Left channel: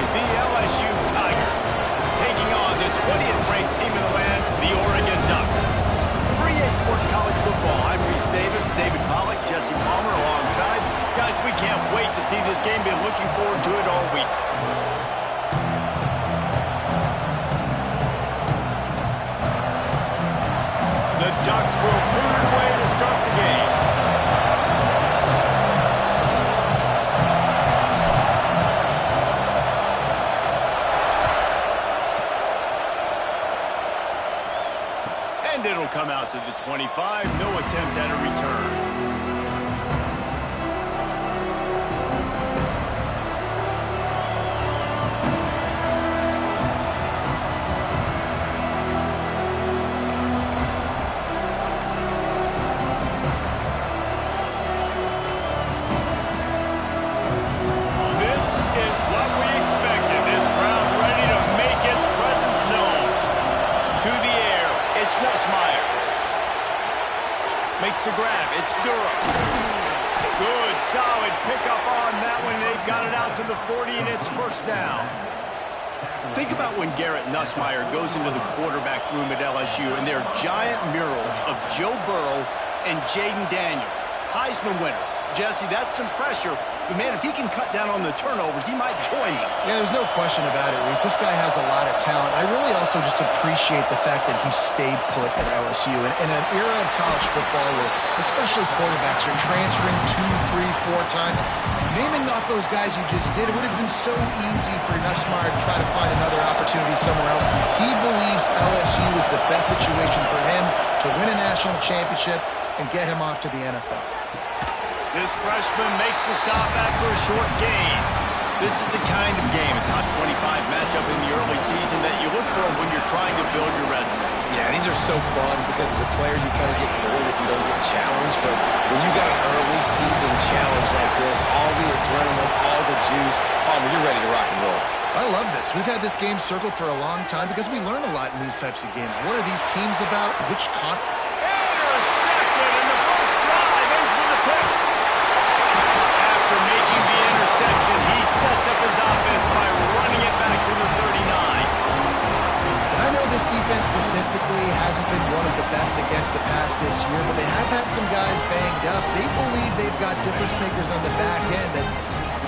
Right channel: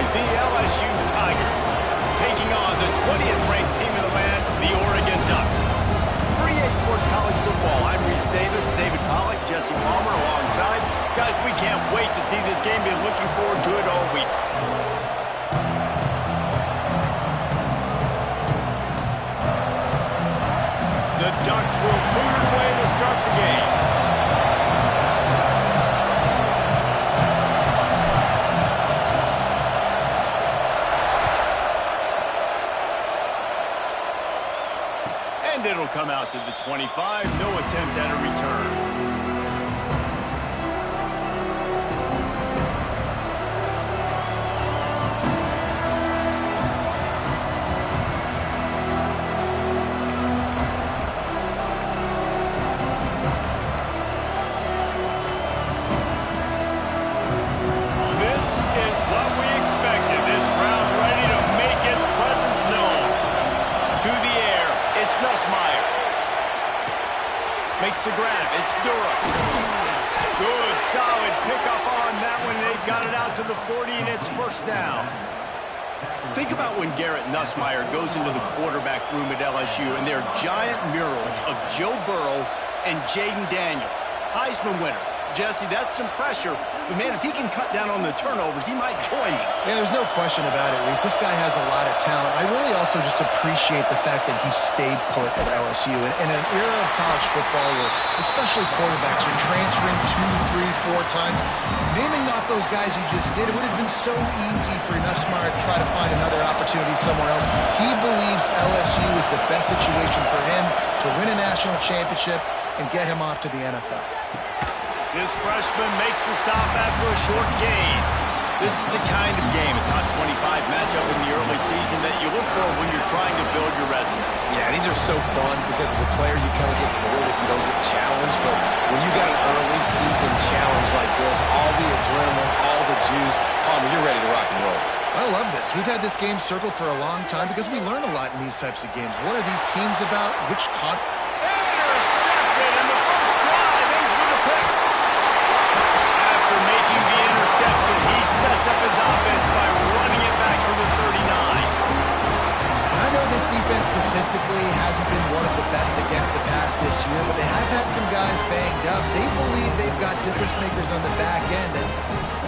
rivalry, the LSU Tigers, taking on the 20th ranked team in the land, the Oregon Ducks. For EA Sports College Football, I'm Reese Davis, David Pollack, Jesse Palmer alongside. Guys, we can't wait to see this game. Been looking forward to it all week. The Ducks will boot it away to start the game. And it'll come out to the 25. No attempt at a return. Makes the grab. It's Durham. Good, solid pickup on that one. They've got it out to the 40, and it's first down. Think about when Garrett Nussmeier goes into the quarterback room at LSU, and there are giant murals of Joe Burrow and Jaden Daniels, Heisman winners. Jesse, that's some pressure. But, man, if he can cut down on the turnovers, he might join them. Yeah, there's no question about it, Reese. This guy has a lot of talent. I really also just appreciate the fact that he stayed put at LSU. And in an era of college football where especially quarterbacks are transferring 2, 3, 4 times, naming off those guys you just did, it would have been so easy for Nussmeier to try to find another opportunity somewhere else. He believes LSU is the best situation for him to win a national championship and get him off to the NFL. This freshman makes the stop after a short gain. This is the kind of game, a top 25 matchup in the early season that you look for when you're trying to build your resume. Yeah, these are so fun because as a player you kind of get bored if you don't get challenged. But when you got an early season challenge like this, all the adrenaline, all the juice, Palmer, you're ready to rock and roll. I love this. We've had this game circled for a long time because we learn a lot in these types of games. What are these teams about? Which intercepted, and the first drive ends with a pick. After making the interception, he sets up his offense by running it back to the 39. And I know this defense statistically hasn't been one of the best against the pass this year, but they have had some guys banged up. They believe they've got difference makers on the back end that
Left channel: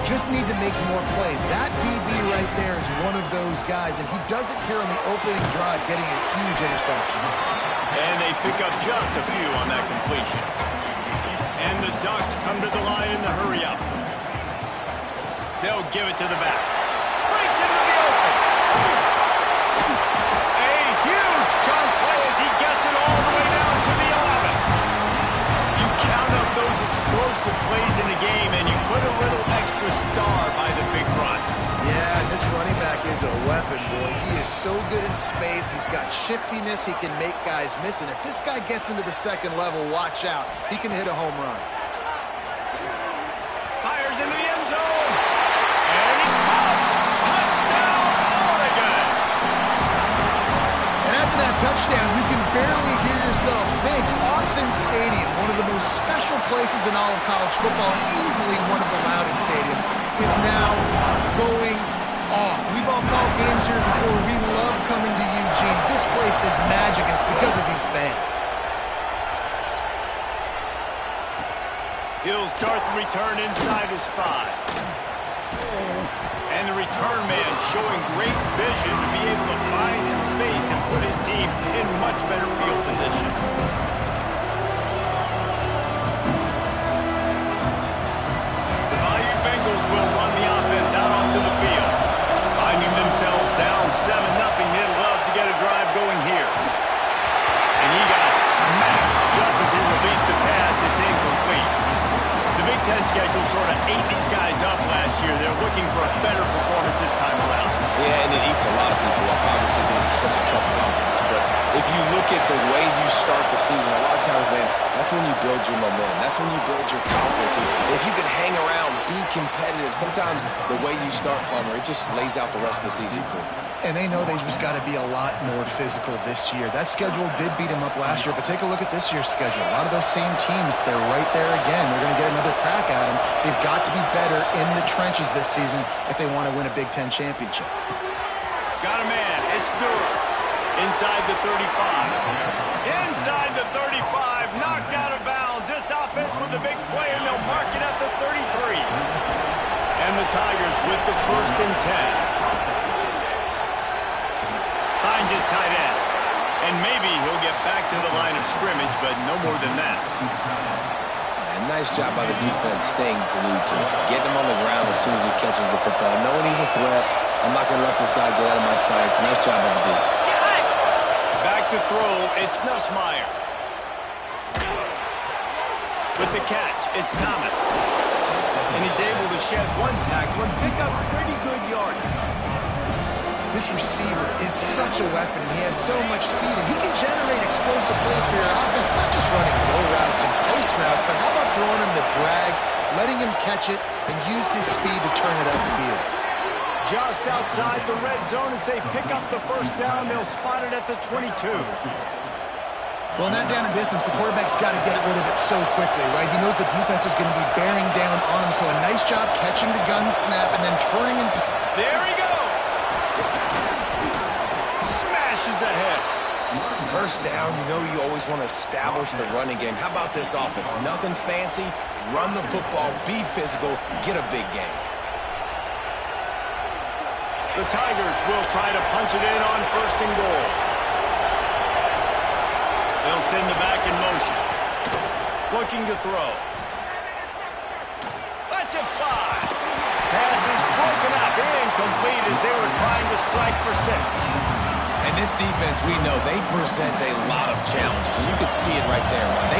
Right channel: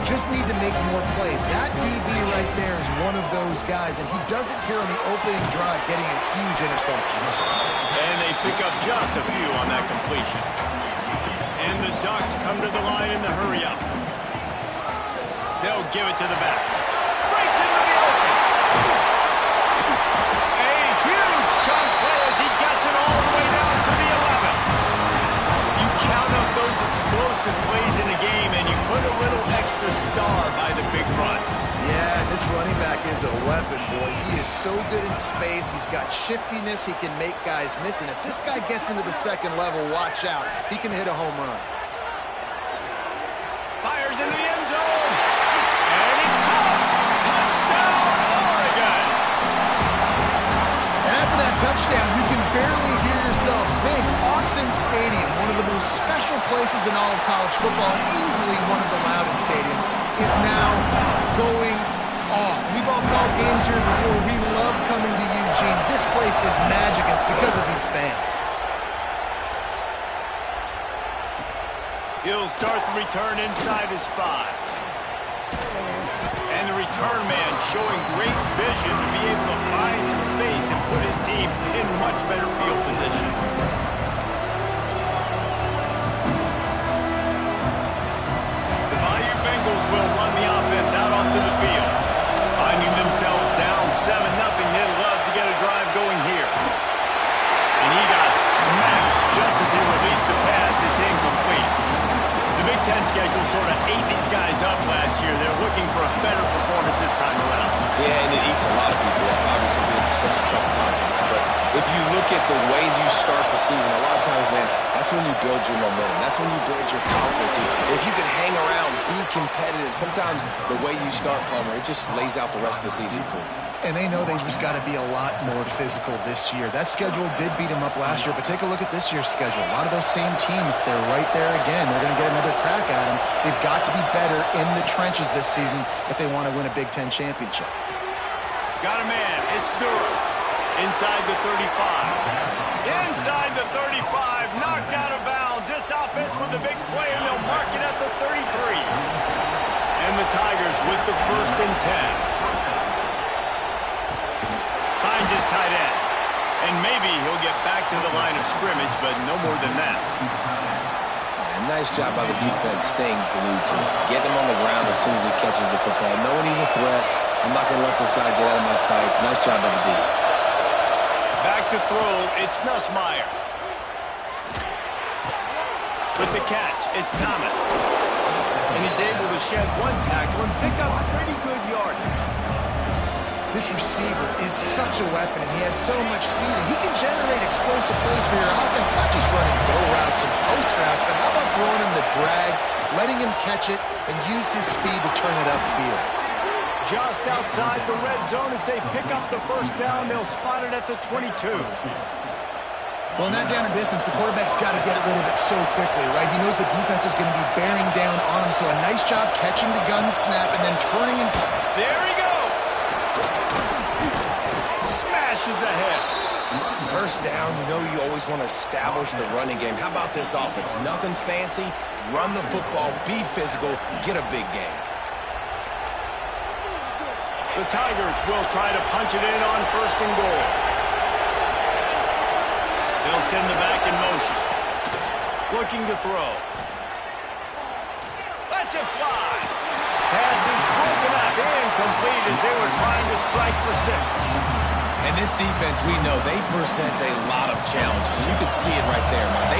just need to make more plays. That DB right there is one of those guys, and he does it here on the opening drive, getting a huge interception. And they pick up just a few on that completion. And the Ducks come to the line in the hurry-up. They'll give it to the back. Breaks into the open. A huge chunk play as he gets it all the way down to the 11. You count up those explosive plays in a game, and you put a little extra star by the big run. Yeah, this running back is a weapon, boy. He is so good in space. He's got shiftiness. He can make guys miss. And if this guy gets into the second level, watch out. He can hit a home run. Fires into the end zone. And it's caught. Touchdown, Oregon. And after that touchdown, you can barely hear yourself think. Autzen Stadium, one of the most special places in all of college football, and easily one of the loudest stadiums, is now going off. We've all called games here before. We love coming to Eugene. This place is magic, and it's because of these fans. He'll start the return inside his 5. And the return man showing great vision to be able to find some space and put his team in much better field position. The Bayou Bengals will run the offense out onto the field. Finding themselves down 7-0, they'd love to get a drive going here. And he got smacked just as he released the pass. It's incomplete. The Big Ten schedule sort of ate these guys up last year. They're looking for a better performance this time around. Yeah, and it eats a lot of people up, obviously being such a tough conference. But if you look at the way you start the season, a lot of times, man, that's when you build your momentum. That's when you build your confidence. If you can hang around, be competitive, sometimes the way you start, Palmer, it just lays out the rest of the season for you. And they know they've just got to be a lot more physical this year. That schedule did beat them up last year, but take a look at this year's schedule. A lot of those same teams, they're right there again. They're going to get another crack at them. They've got to be better in the trenches this season if they want to win a Big Ten championship. Got a man. It's Durham. Inside the 35. Inside the 35. Knocked out of bounds. This offense with a big play, and they'll mark it at the 33. And the Tigers with the 1st and 10. Finds his tight end. And maybe he'll get back to the line of scrimmage, but no more than that. And nice job by the defense staying glued to him. Getting him on the ground as soon as he catches the football. Knowing he's a threat, I'm not going to let this guy get out of my sights. Nice job by the D. Back to throw, it's Nussmeier. With the catch, it's Thomas. And he's able to shed one tackle and pick up pretty good yardage. This receiver is such a weapon, and he has so much speed, and he can generate explosive plays for your offense, not just running go routes and post routes, but how about throwing him the drag, letting him catch it, and use his speed to turn it upfield. Just outside the red zone as they pick up the 1st down. They'll spot it at the 22. Well, in that down and distance, the quarterback's got to get rid of it so quickly, right? He knows the defense is going to be bearing down on him, so a nice job catching the gun snap and then turning and... There he goes! Smashes ahead. 1st down, you know you always want to establish the running game. How about this offense? Nothing fancy. Run the football, be physical, get a big game. The Tigers will try to punch it in on 1st and goal. They'll send the back in motion. Looking to throw. Lets it fly. Pass is broken up, incomplete as they were trying to strike for 6. And this defense, we know, they present a lot of challenges. And you can see it right there, man.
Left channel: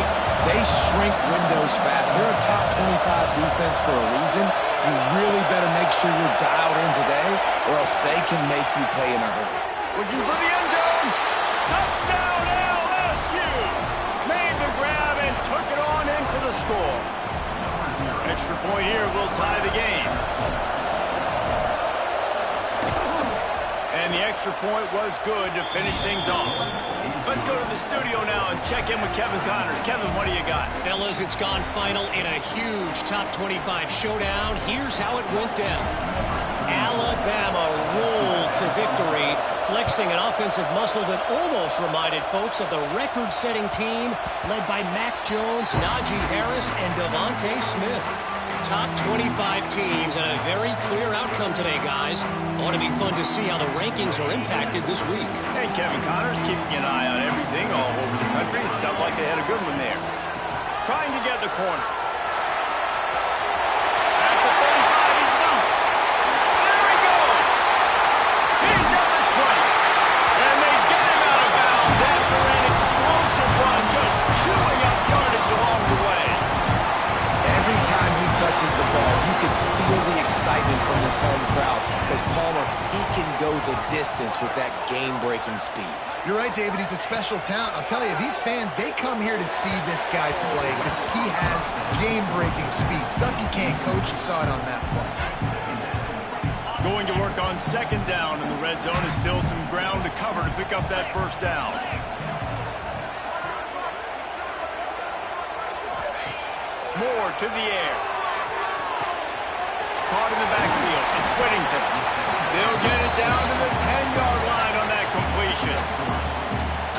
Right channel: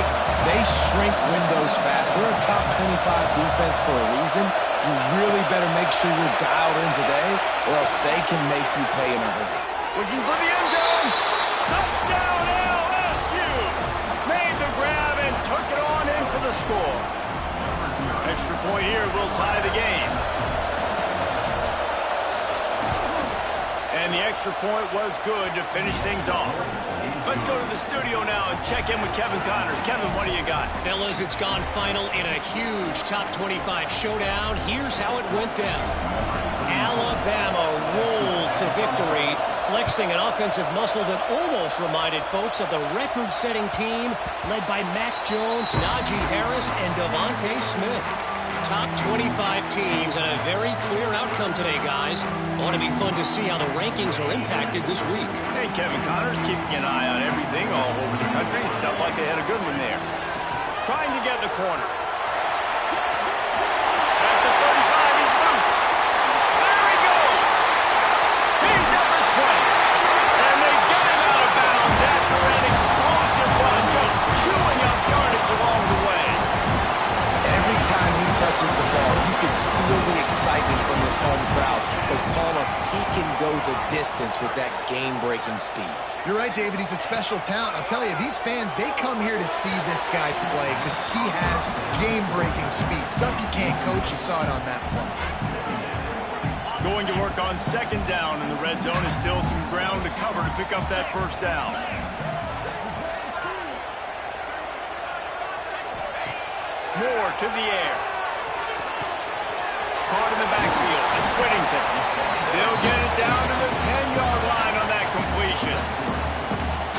They shrink windows fast. They're a top 25 defense for a reason. You really better make sure you're dialed in today, or else they can make you pay in a hurry. Looking for the end zone. Touchdown, LSU. Made the grab and took it on in for the score. Extra point here will tie the game. And the extra point was good to finish things off. Let's go to the studio now and check in with Kevin Connors. Kevin, what do you got? Fellas, it's gone final in a huge top 25 showdown. Here's how it went down. Alabama rolled to victory, flexing an offensive muscle that almost reminded folks of the record-setting team led by Mac Jones, Najee Harris, and Devontae Smith. Top 25 teams and a very clear outcome today, guys. Ought to be fun to see how the rankings are impacted this week. Hey, Kevin Connors keeping an eye on everything all over the country. It sounds like they had a good one there. Trying to get the corner. At the 35, he's loose. There he goes. He's at the 20. And they get him out of bounds after an explosive run, just chewing up yardage along the way. Every time he touches the ball, you can feel the excitement from this home crowd because Palmer, he can go the distance with that game-breaking speed. You're right, David. He's a special talent. I'll tell you, these fans, they come here to see this guy play because he has game-breaking speed. Stuff you can't coach. You saw it on that play. Going to work on 2nd down in the red zone is still some ground to cover to pick up that 1st down. Moore to the air. Caught in the backfield. It's Whittington. They'll get it down to the 10-yard line on that completion.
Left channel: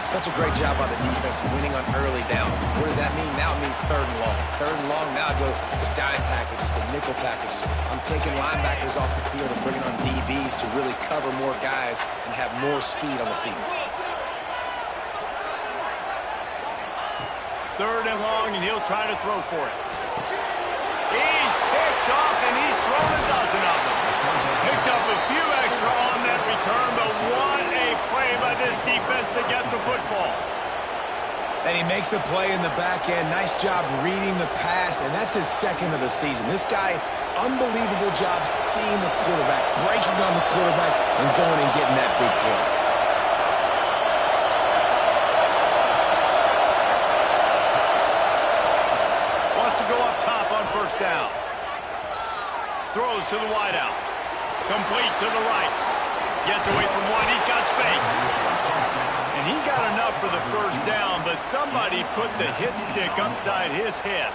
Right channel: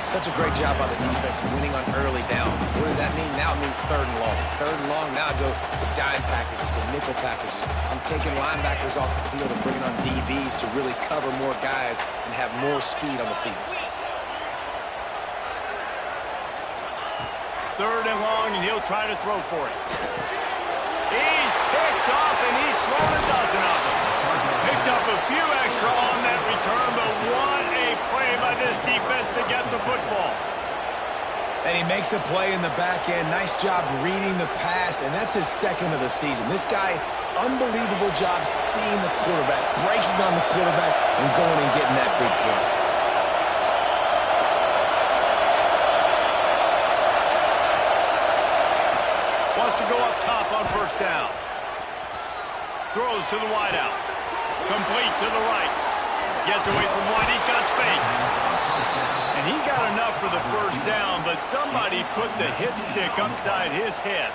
Such a great job by the defense winning on early downs. What does that mean? Now it means 3rd and long. 3rd and long, now I go to dime packages, to nickel packages. I'm taking linebackers off the field and bringing on DBs to really cover more guys and have more speed on the field. 3rd and long, and he'll try to throw for it. He's picked off, and he's thrown a dozen of them. Picked up a few extra on that return, but what a play by this defense to get the football. And he makes a play in the back end. Nice job reading the pass, and that's his 2nd of the season. This guy, unbelievable job seeing the quarterback, breaking on the quarterback, and going and getting that big play. Wants to go up top on 1st down. Throws to the wideout. Complete to the right. Gets away from one. He's got space. And he got enough for the 1st down, but somebody put the hit stick upside his head.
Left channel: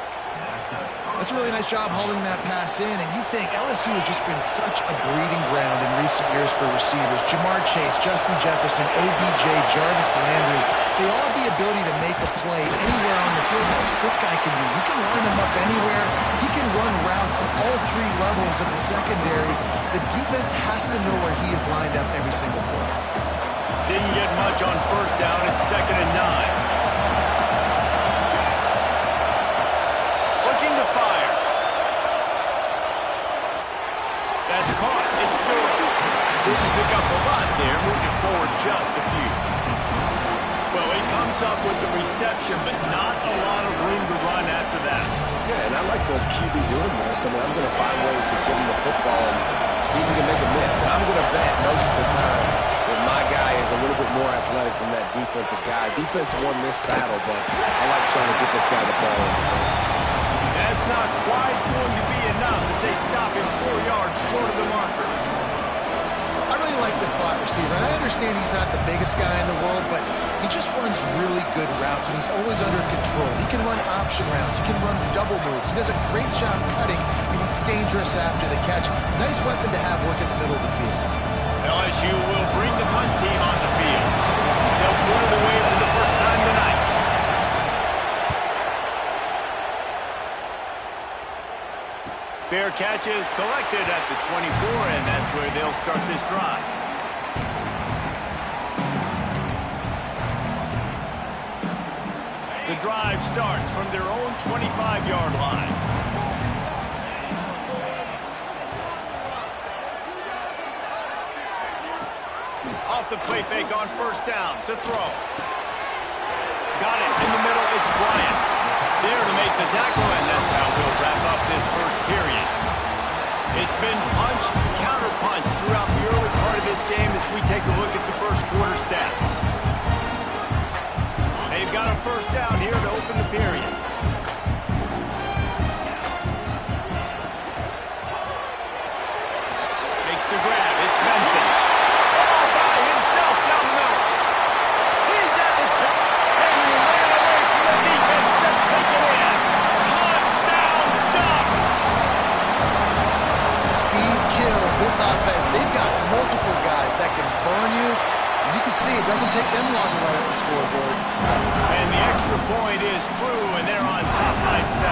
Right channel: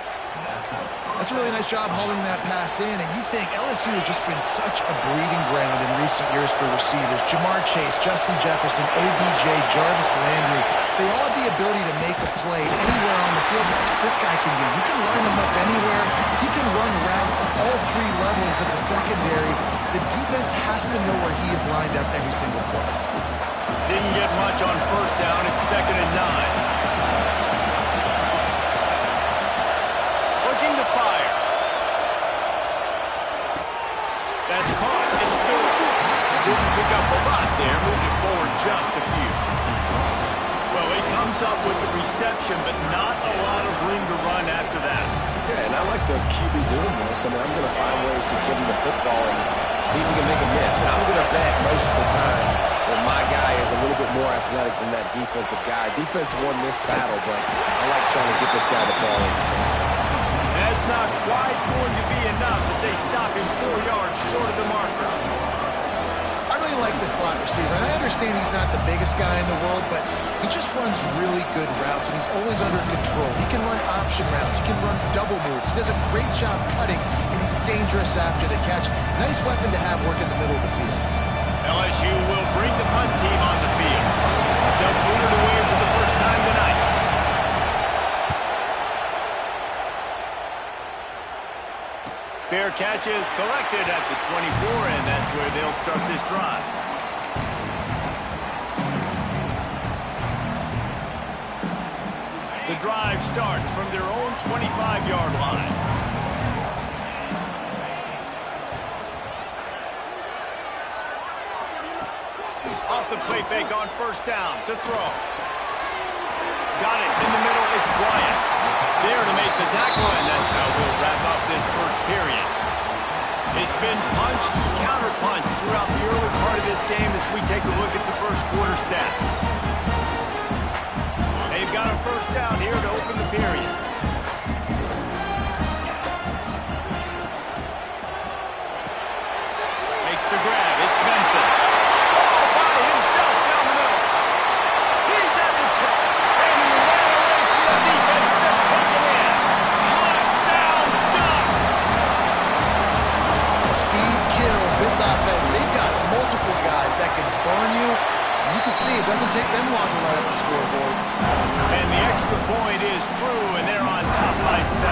That's a really nice job holding that pass in, and you think LSU has just been such a breeding ground in recent years for receivers. Jamar Chase, Justin Jefferson, OBJ, Jarvis Landry, they all have the ability to make a play anywhere on the field. That's what this guy can do. You can line him up anywhere. He can run routes on all three levels of the secondary. The defense has to know where he is lined up every single play. Didn't get much on first down. It's 2nd and 9. Looking to fire. That's caught. It's Durham. Didn't pick up a lot there. Moved it forward just a few. Well, he comes up with the reception, but not a lot of room to run after that. Yeah, and I like the QB doing this. I mean, I'm going to find ways to give him the football and see if he can make a miss. And I'm going to bet most of the time that my guy is a little bit more athletic than that defensive guy. Defense won this battle, but I like trying to get this guy the ball in space. That's not quite going to be enough as they stop him 4 yards short of the marker. I really like this slot receiver, and I understand he's not the biggest guy in the world, but he just runs really good routes, and he's always under control. He can run option routes. He can run double moves. He does a great job cutting, and he's dangerous after the catch. Nice weapon to have work in the middle of the field. LSU will bring the punt team on the field. They'll put it away for the first time tonight. Fair catch is collected at the 24, and that's where they'll start this drive. The drive starts from their own 25-yard line. Off the play fake on first down to throw. Got it in the middle. It's Bryant. There to make the tackle, and that's how we'll wrap up this first period. It's been punch, counter-punch throughout the early part of this game as we take a look at the first quarter stats. They've got a first down here to open the period. Makes the grab. It's Benson. All by himself down the middle. He's at the tip, and he ran away from the defense to take it in. Touchdown, Ducks! Speed kills this offense. They've got multiple guys that can burn you. You can see it doesn't take them long to light up the scoreboard. And the extra point is true, and they're on top by 7.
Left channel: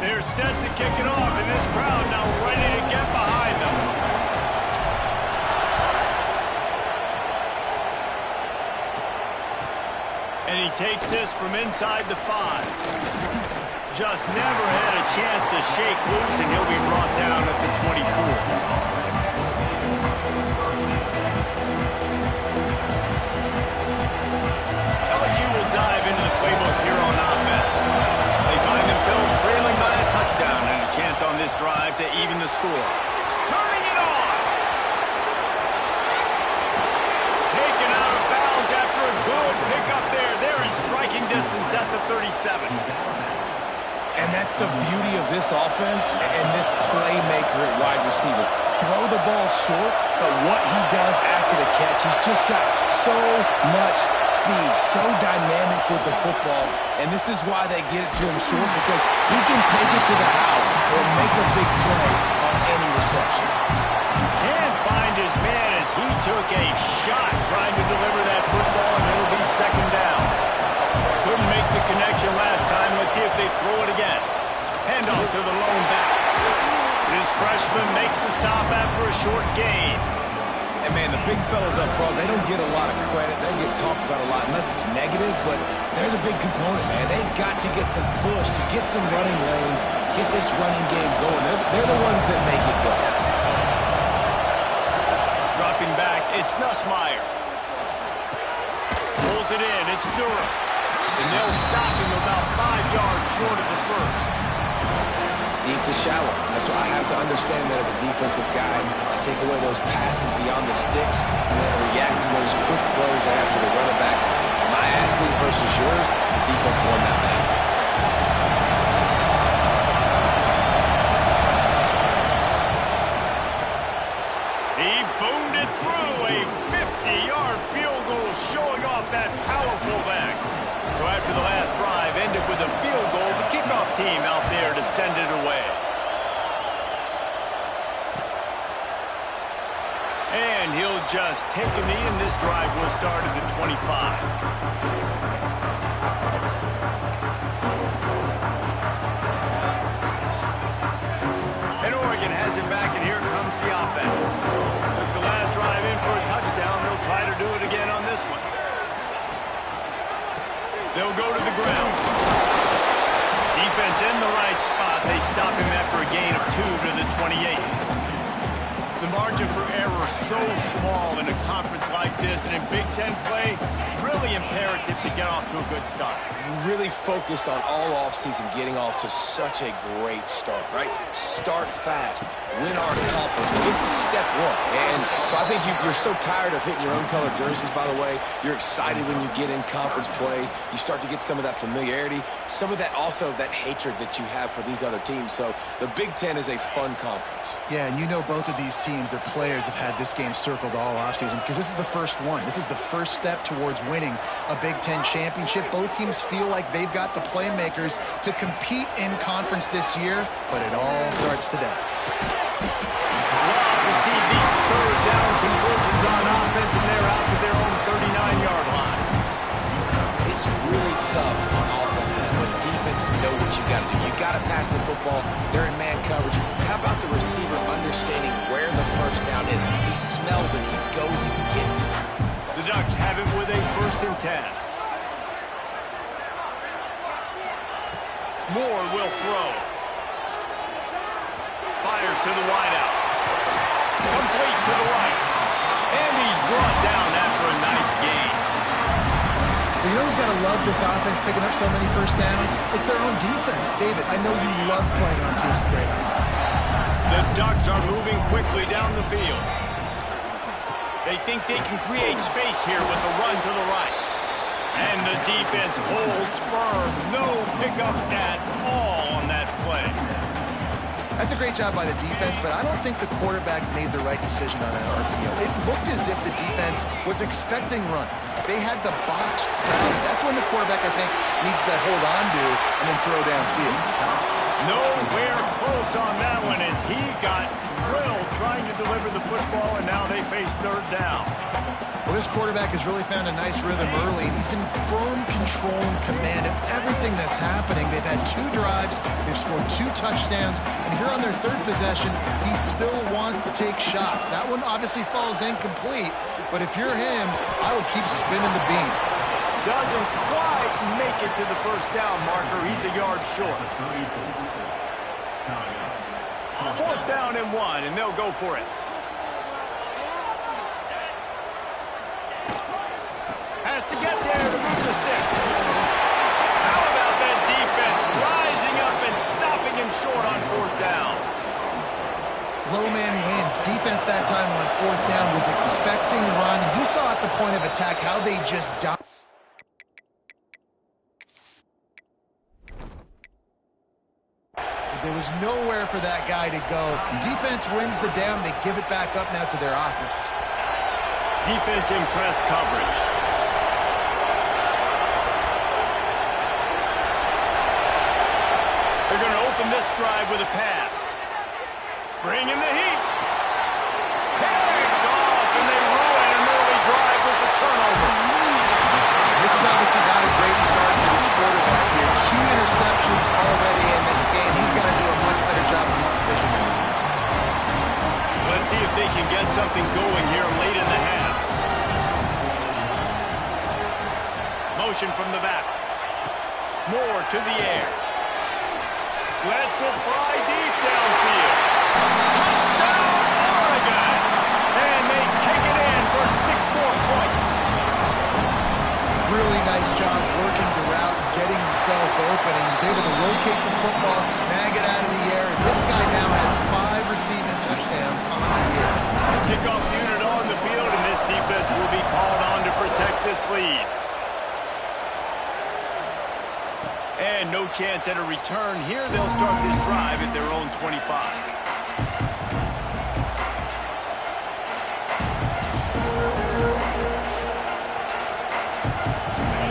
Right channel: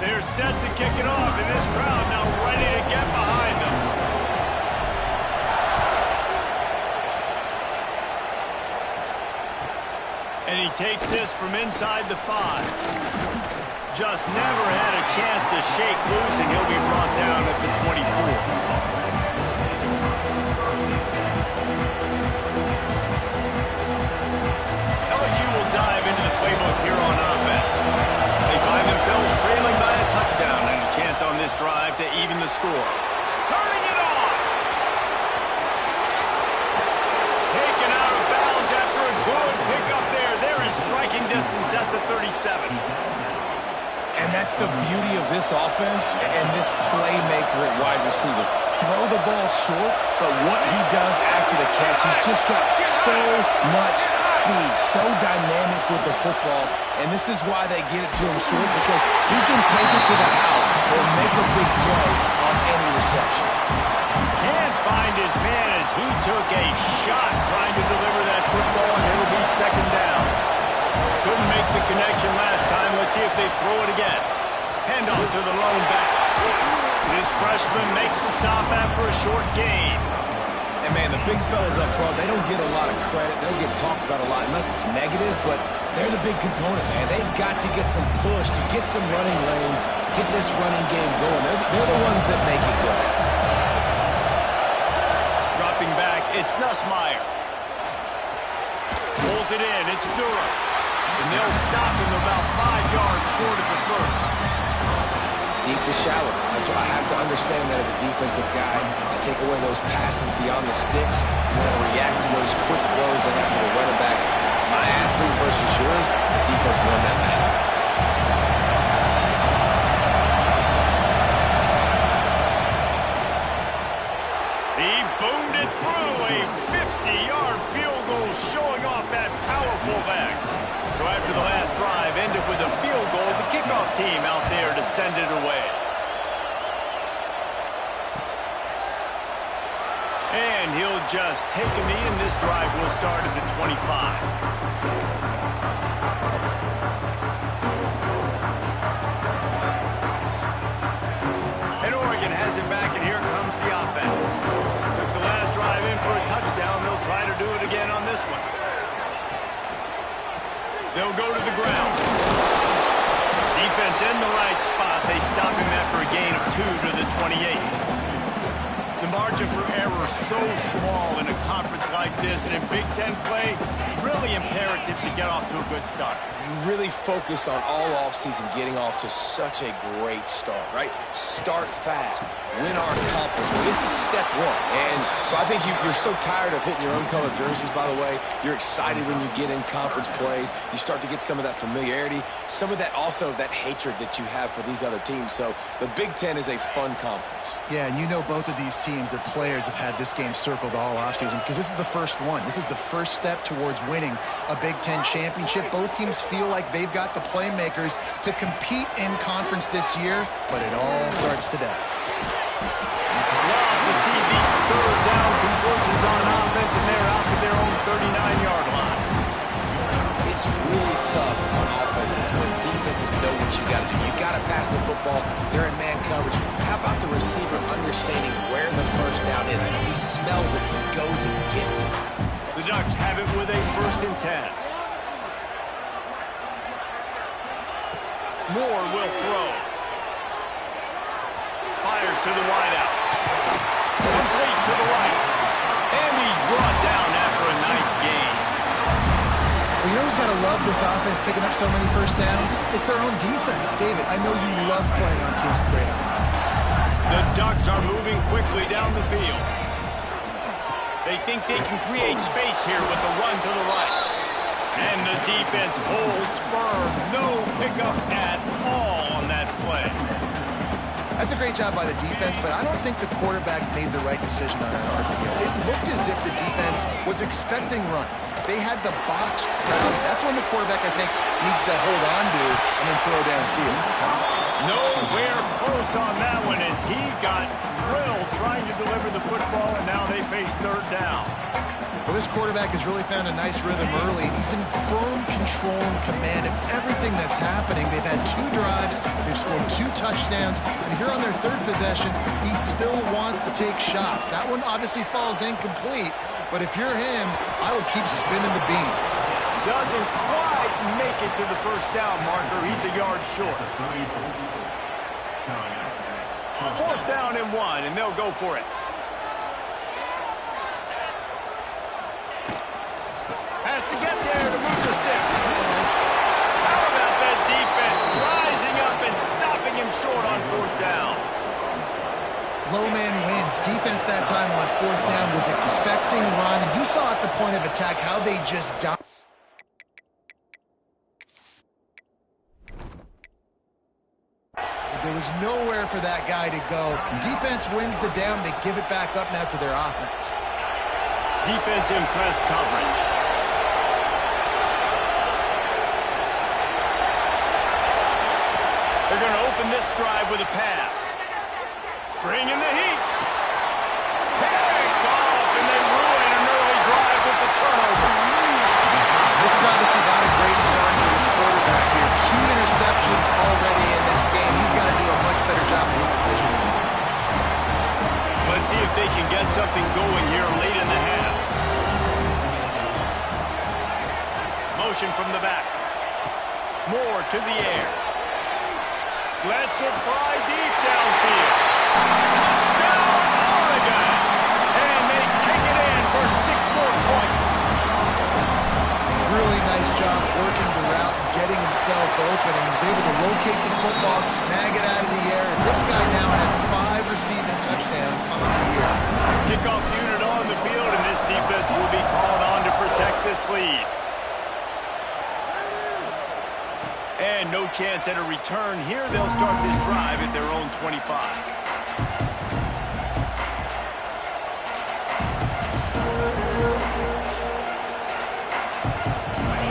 They're set to kick it off, and this crowd now ready to get behind them. And he takes this from inside the 5. Just never had a chance to shake loose, and he'll be brought down at the 24. LSU will dive into the playbook here on offense. They find themselves trailing by a touchdown and a chance on this drive to even the score. Turning it on! Taken out of bounds after a good pickup there. They're in striking distance at the 37. And that's the beauty of this offense and this playmaker at wide receiver. Throw the ball short, but what he does after the catch, he's just got so much speed, so dynamic with the football. And this is why they get it to him short, because he can take it to the house or make a big play on any reception. Can't find his man as he took a shot trying to deliver that football, and it'll be 2nd down. Couldn't make the connection last time. Let's see if they throw it again. Handoff to the lone back. This freshman makes the stop after a short gain. And, man, the big fellas up front, they don't get a lot of credit. They don't get talked about a lot unless it's negative, but they're the big component, man. They've got to get some push, to get some running lanes, get this running game going. They're the ones that make it go. Dropping back, it's Nussmeier. Pulls it in, it's Durham. And they'll stop him about 5 yards short of the first. Deep to shallow. That's what I have to understand that as a defensive guy. I take away those passes beyond the sticks, and then I react to those quick throws they have to the running back. It's my athlete versus yours. The defense won that battle. Boomed it through. A 50-yard field goal showing off that powerful leg. So after the last drive ended with a field goal, the kickoff team out there to send it away. And he'll just take a knee, and this drive will start at the 25. And Oregon has it back, and here comes the offense. Took the last drive in for a touchdown. They'll try to do it again on this one. They'll go to the ground. Defense in the right spot. They stop him after a gain of 2 to the 28. The margin for error so small in a conference like this, and in Big Ten play, really imperative to get off to a good start. You really focus on all offseason getting off to such a great start, right? Start fast, win our conference. Well, this is step one. And so I think you're so tired of hitting your own color jerseys, by the way. You're excited when you get in conference plays. You start to get some of that familiarity, some of that also that hatred that you have for these other teams. So the Big Ten is a fun conference. Yeah, and you know both of these teams, their players have had this game circled all offseason because this is the first one. This is the first step towards winning a Big Ten championship. Both teams feel like they've got the playmakers to compete in conference this year, but it all starts today. Love to see these third down conversions on offense, and they're out to their own 39-yard line. It's really tough on offenses when defenses know what you got to do. You got to pass the football. They're in man coverage. How about the receiver understanding where the first down is? He smells it. He goes and gets it. The Ducks have it with a 1st and 10. Moore will throw. Fires to the wideout. Complete to the right. And he's brought down after a nice gain. Well, you know who's got to love this offense picking up so many first downs? It's their own defense. David, I know you love playing on teams with great offenses. The Ducks are moving quickly down the field. They think they can create space here with a run to the right. And the defense holds firm. No pickup at all on that play. That's a great job by the defense, but I don't think the quarterback made the right decision on that RPO. It looked as if the defense was expecting run. They had the box crowded. That's when the quarterback, I think, needs to hold on to and then throw downfield. Nowhere close on that one as he got drilled trying to deliver the football, and now they face 3rd down. Well, this quarterback has really found a nice rhythm early, and he's in firm control and command of everything that's happening. They've had 2 drives, they've scored 2 touchdowns, and here on their 3rd possession, he still wants to take shots. That one obviously falls incomplete, but if you're him, I would keep spinning the beam. Doesn't quite make it to the first down marker. He's a yard short. 4th down and 1, and they'll go for it. Has to get there to move the sticks. How about that defense rising up and stopping him short on 4th down? Low man wins. Defense that time on 4th down was expecting run. You saw at the point of attack how they just died. There was nowhere for that guy to go. Defense wins the down. They give it back up now to their offense. Defense in press coverage. They're going to open this drive with a pass. Bringing the heat. Picked off, and they ruin an early drive with the turnover. This is obviously not a great start for this quarterback here. 2 interceptions already in this game. He's got to do a much better job of his decision-making. Let's see if they can get something going here late in the half. Motion from the back. Moore to the air. Lets it fly deep downfield. Touchdown, Oregon! And they take it in for 6 more points. Really nice job working the route and getting himself open. He was able to locate the football, snag it out of the air, and this guy now has 5 receiving touchdowns on the year. Kickoff unit on the field, and this defense will be called on to protect this lead. And no chance at a return here. They'll start this drive at their own 25.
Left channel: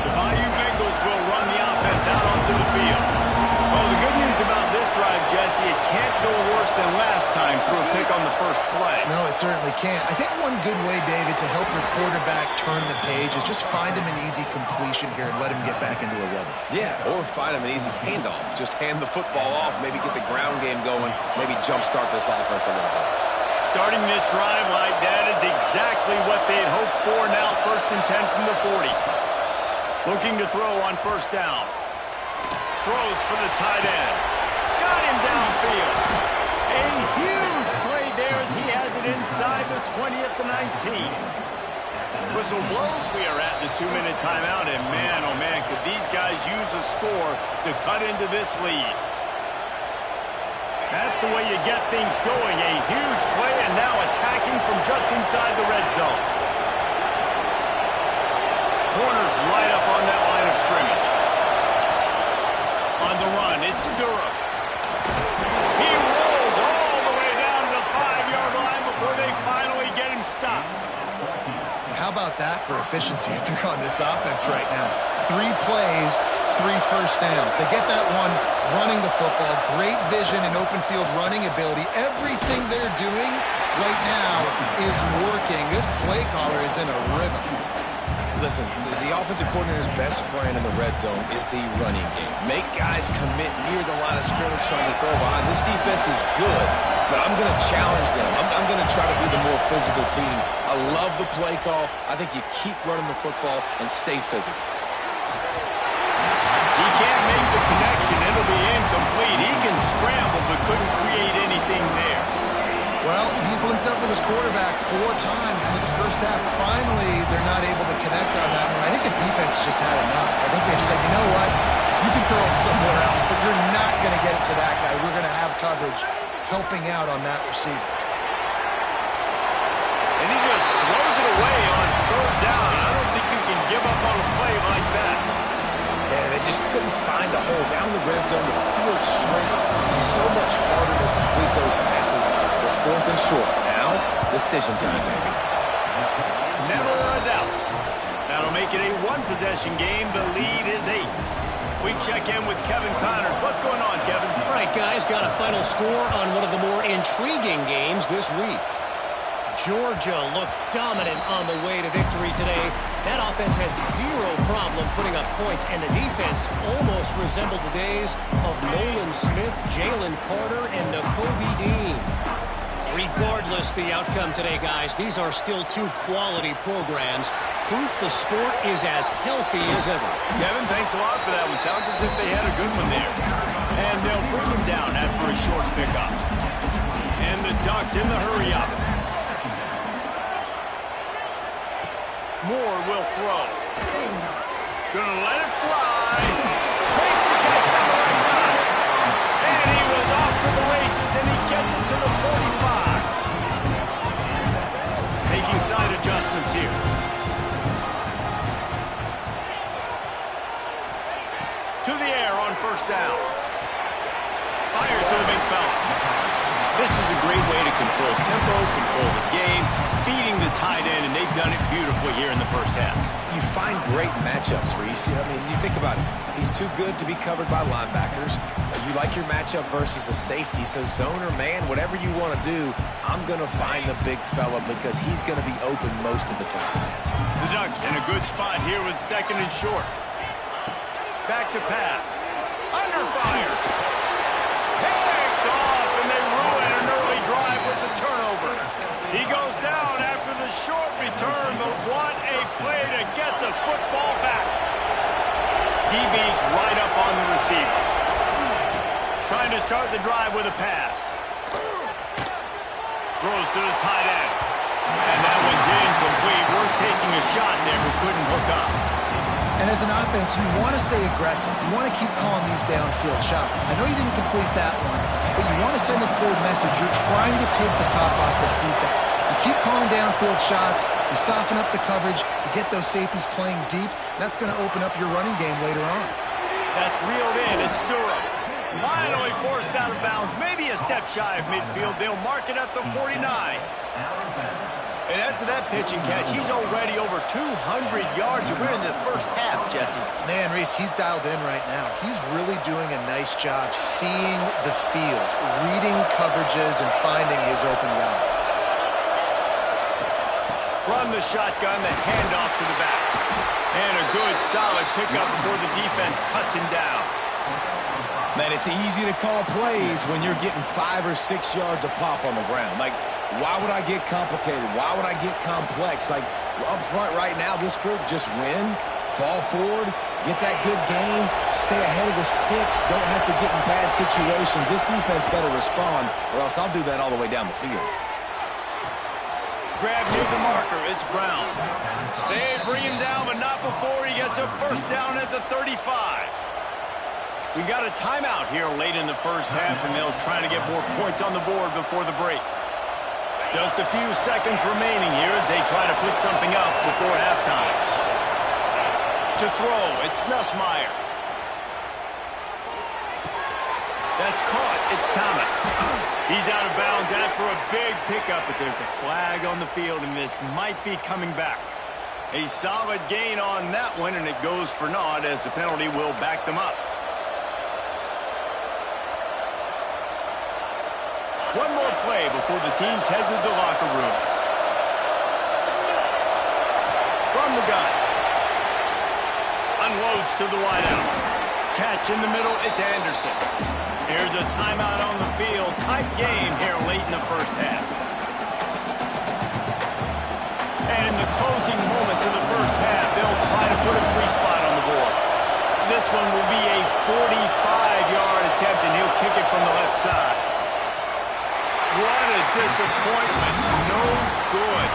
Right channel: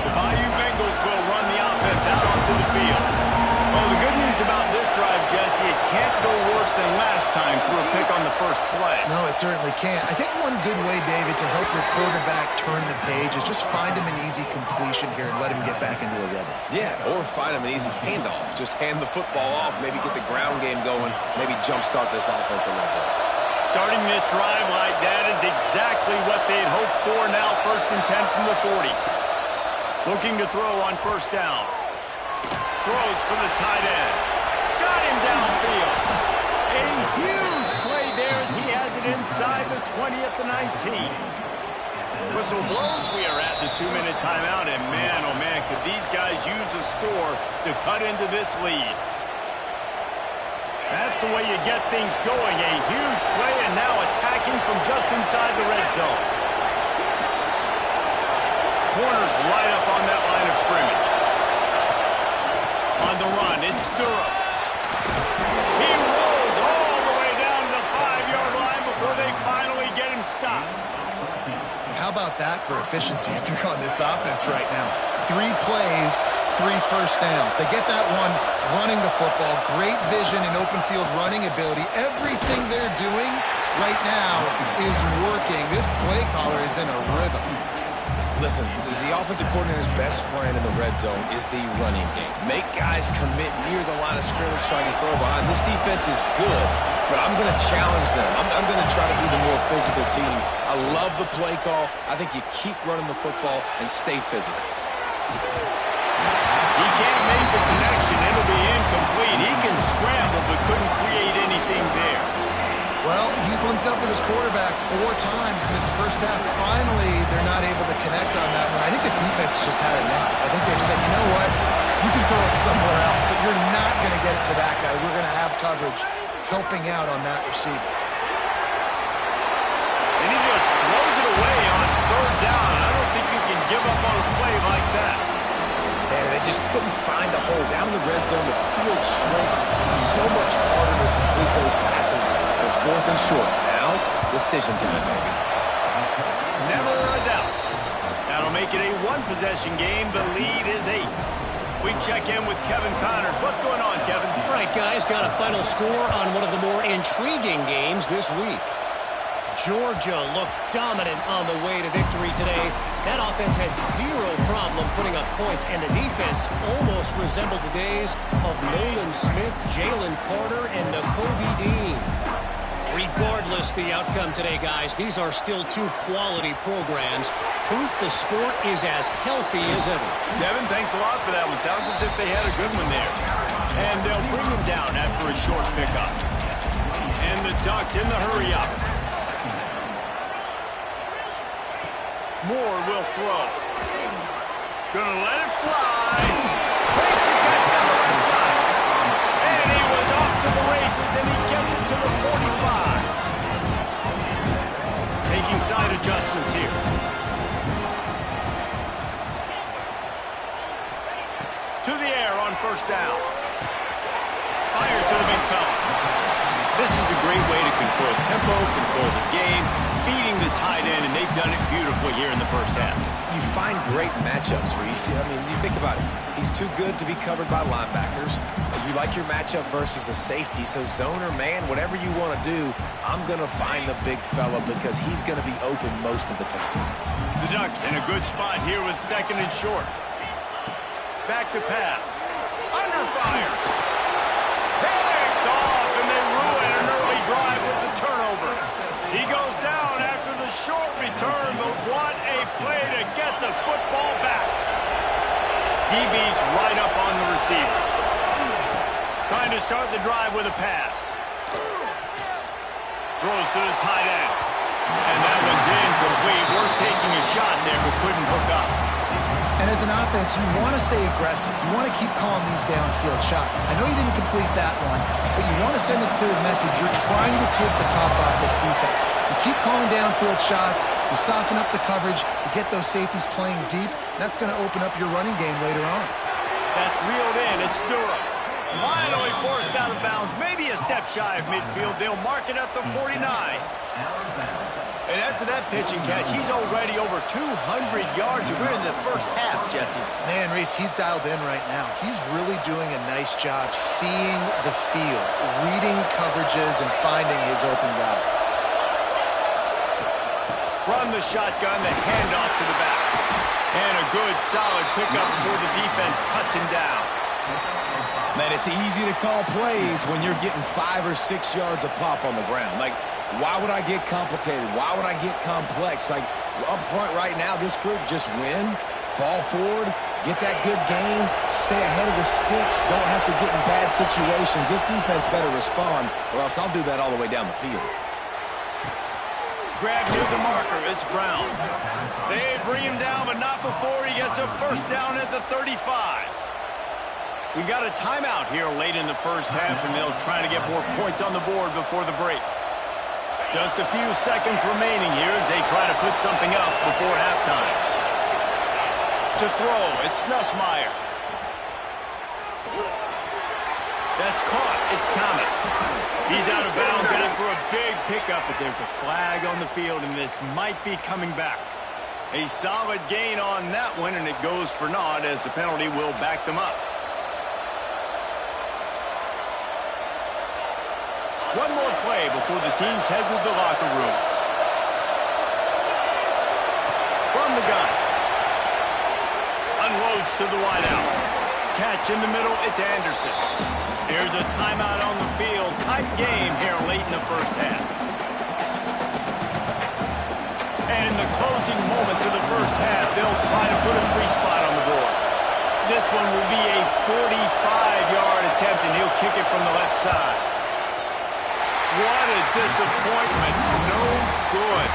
The Bayou Bengals will run the offense out onto the field. Well, the good news about this drive, Jesse, it can't go worse than last time through a pick on the first play. No, it certainly can't. I think one good way, David, to help your quarterback turn the page is just find him an easy completion here and let him get back into a rhythm. Yeah, or find him an easy handoff. Just hand the football off, maybe get the ground game going, maybe jumpstart this offense a little bit. Starting this drive like that is exactly what they had hoped for. Now 1st and 10 from the 40. Looking to throw on first down. Throws for the tight end. Got him downfield. A huge play there as he has it inside the 20 at the 19. Whistle blows. We are at the 2-minute timeout. And man, oh man, could these guys use a score to cut into this lead. That's the way you get things going. A huge play and now attacking from just inside the red zone. Corners right up on that line of scrimmage. On the run, it's Durham. He rolls all the way down to the 5-yard line before they finally get him stopped. How about that for efficiency if you're on this offense right now? 3 plays, 3 first downs. They get that one running the football. Great vision and open field running ability. Everything they're doing right now is working. This play caller is in a rhythm. Listen, the offensive coordinator's best friend in the red zone is the running game. Make guys commit near the line of scrimmage trying to throw behind. This defense is good, but I'm going to challenge them. I'm going to try to be the more physical team. I love the play call. I think you keep running the football and stay physical. He can't make the connection. It'll be incomplete. He can scramble, but couldn't create anything there. Well, he's linked up with his quarterback 4 times in this first half. Finally, they're not able to connect on that one. I think the defense just had enough. I think they've said, you know what, you can throw it somewhere else, but you're not going to get it to that guy. We're going to have coverage helping out on that receiver. And he just throws it away on 3rd down. I don't think you can give up on a play like that. Man, they just couldn't find a hole. Down in the red zone, the field shrinks. So much harder to complete those passes. They're 4th and short. Now, decision time, baby. Never a doubt. That'll make it a 1-possession game. The lead is 8. We check in with Kevin Connors. What's going on, Kevin? All right, guys, got a final score on one of the more intriguing games this week. Georgia looked dominant on the way to victory today. That offense had 0 problem putting up points, and the defense almost resembled the days of Nolan Smith, Jalen Carter, and Nakobe Dean. Regardless the outcome today, guys, these are still 2 quality programs. Proof the sport is as healthy as ever. Kevin, thanks a lot for that one. Sounds as if they had a good one there. And they'll bring him down after a short pickup. And the Ducks in the hurry up. Moore will throw. Gonna let it fly. Makes the catch down the right side. And he was off to the races, and he gets it to the 45. Making side adjustments here. To the air on first down. Fires to the big fella. This is a great way to control tempo, control the game, feeding the tight end, and they've done it beautifully here in the first half. You find great matchups, Reese. I mean, you think about it. He's too good to be covered by linebackers. You like your matchup versus a safety, so zone or man, whatever you want to do, I'm going to find the big fella because he's going to be open most of the time. The Ducks in a good spot here with 2nd and short. Back to pass. Under fire. Picked off, and they ruin an early drive with the turnover. He goes down after the short return, but what a play to get the football back. DB's right up on the receivers. Trying to start the drive with a pass. Throws to the tight end. And that one's incomplete. Worth taking a shot there, but couldn't hook up. And as an offense, you want to stay aggressive. You want to keep calling these downfield shots. I know you didn't complete that one, but you want to send a clear message. You're trying to take the top off this defense. You keep calling downfield shots. You soften up the coverage. You get those safeties playing deep. That's going to open up your running game later on. That's reeled in. It's Durham. Finally forced out of bounds. Maybe a step shy of midfield. They'll mark it at the 49. And after that pitch and catch, he's already over 200 yards. And we're in the first half, Jesse. Man, Reese, he's dialed in right now. He's really doing a nice job seeing the field, reading coverages, and finding his open guy. From the shotgun, the handoff to the back. And a good, solid pickup before the defense cuts him down. Man, it's easy to call plays when you're getting 5 or 6 yards a pop on the ground. Like, why would I get complicated? Why would I get complex? Like, up front right now, this group just win, fall forward, get that good game, stay ahead of the sticks, don't have to get in bad situations. This defense better respond, or else I'll do that all the way down the field. Grab near the marker. It's Brown. They bring him down, but not before he gets a first down at the 35. We got a timeout here late in the first half, and they'll try to get more points on the board before the break. Just a few seconds remaining here as they try to put something up before halftime. To throw, it's Nussmeier. That's caught. It's Thomas. He's out of bounds after a big pickup, but there's a flag on the field, and this might be coming back. A solid gain on that one, and it goes for naught as the penalty will back them up. One more play before the teams head to the locker rooms. From the gun. Unloads to the wideout. Catch in the middle, it's Anderson. Here's a timeout on the field. Tight game here late in the first half. And in the closing moments of the first half, they'll try to put a 3-spot on the board. This one will be a 45-yard attempt, and he'll kick it from the left side. What a disappointment. No good.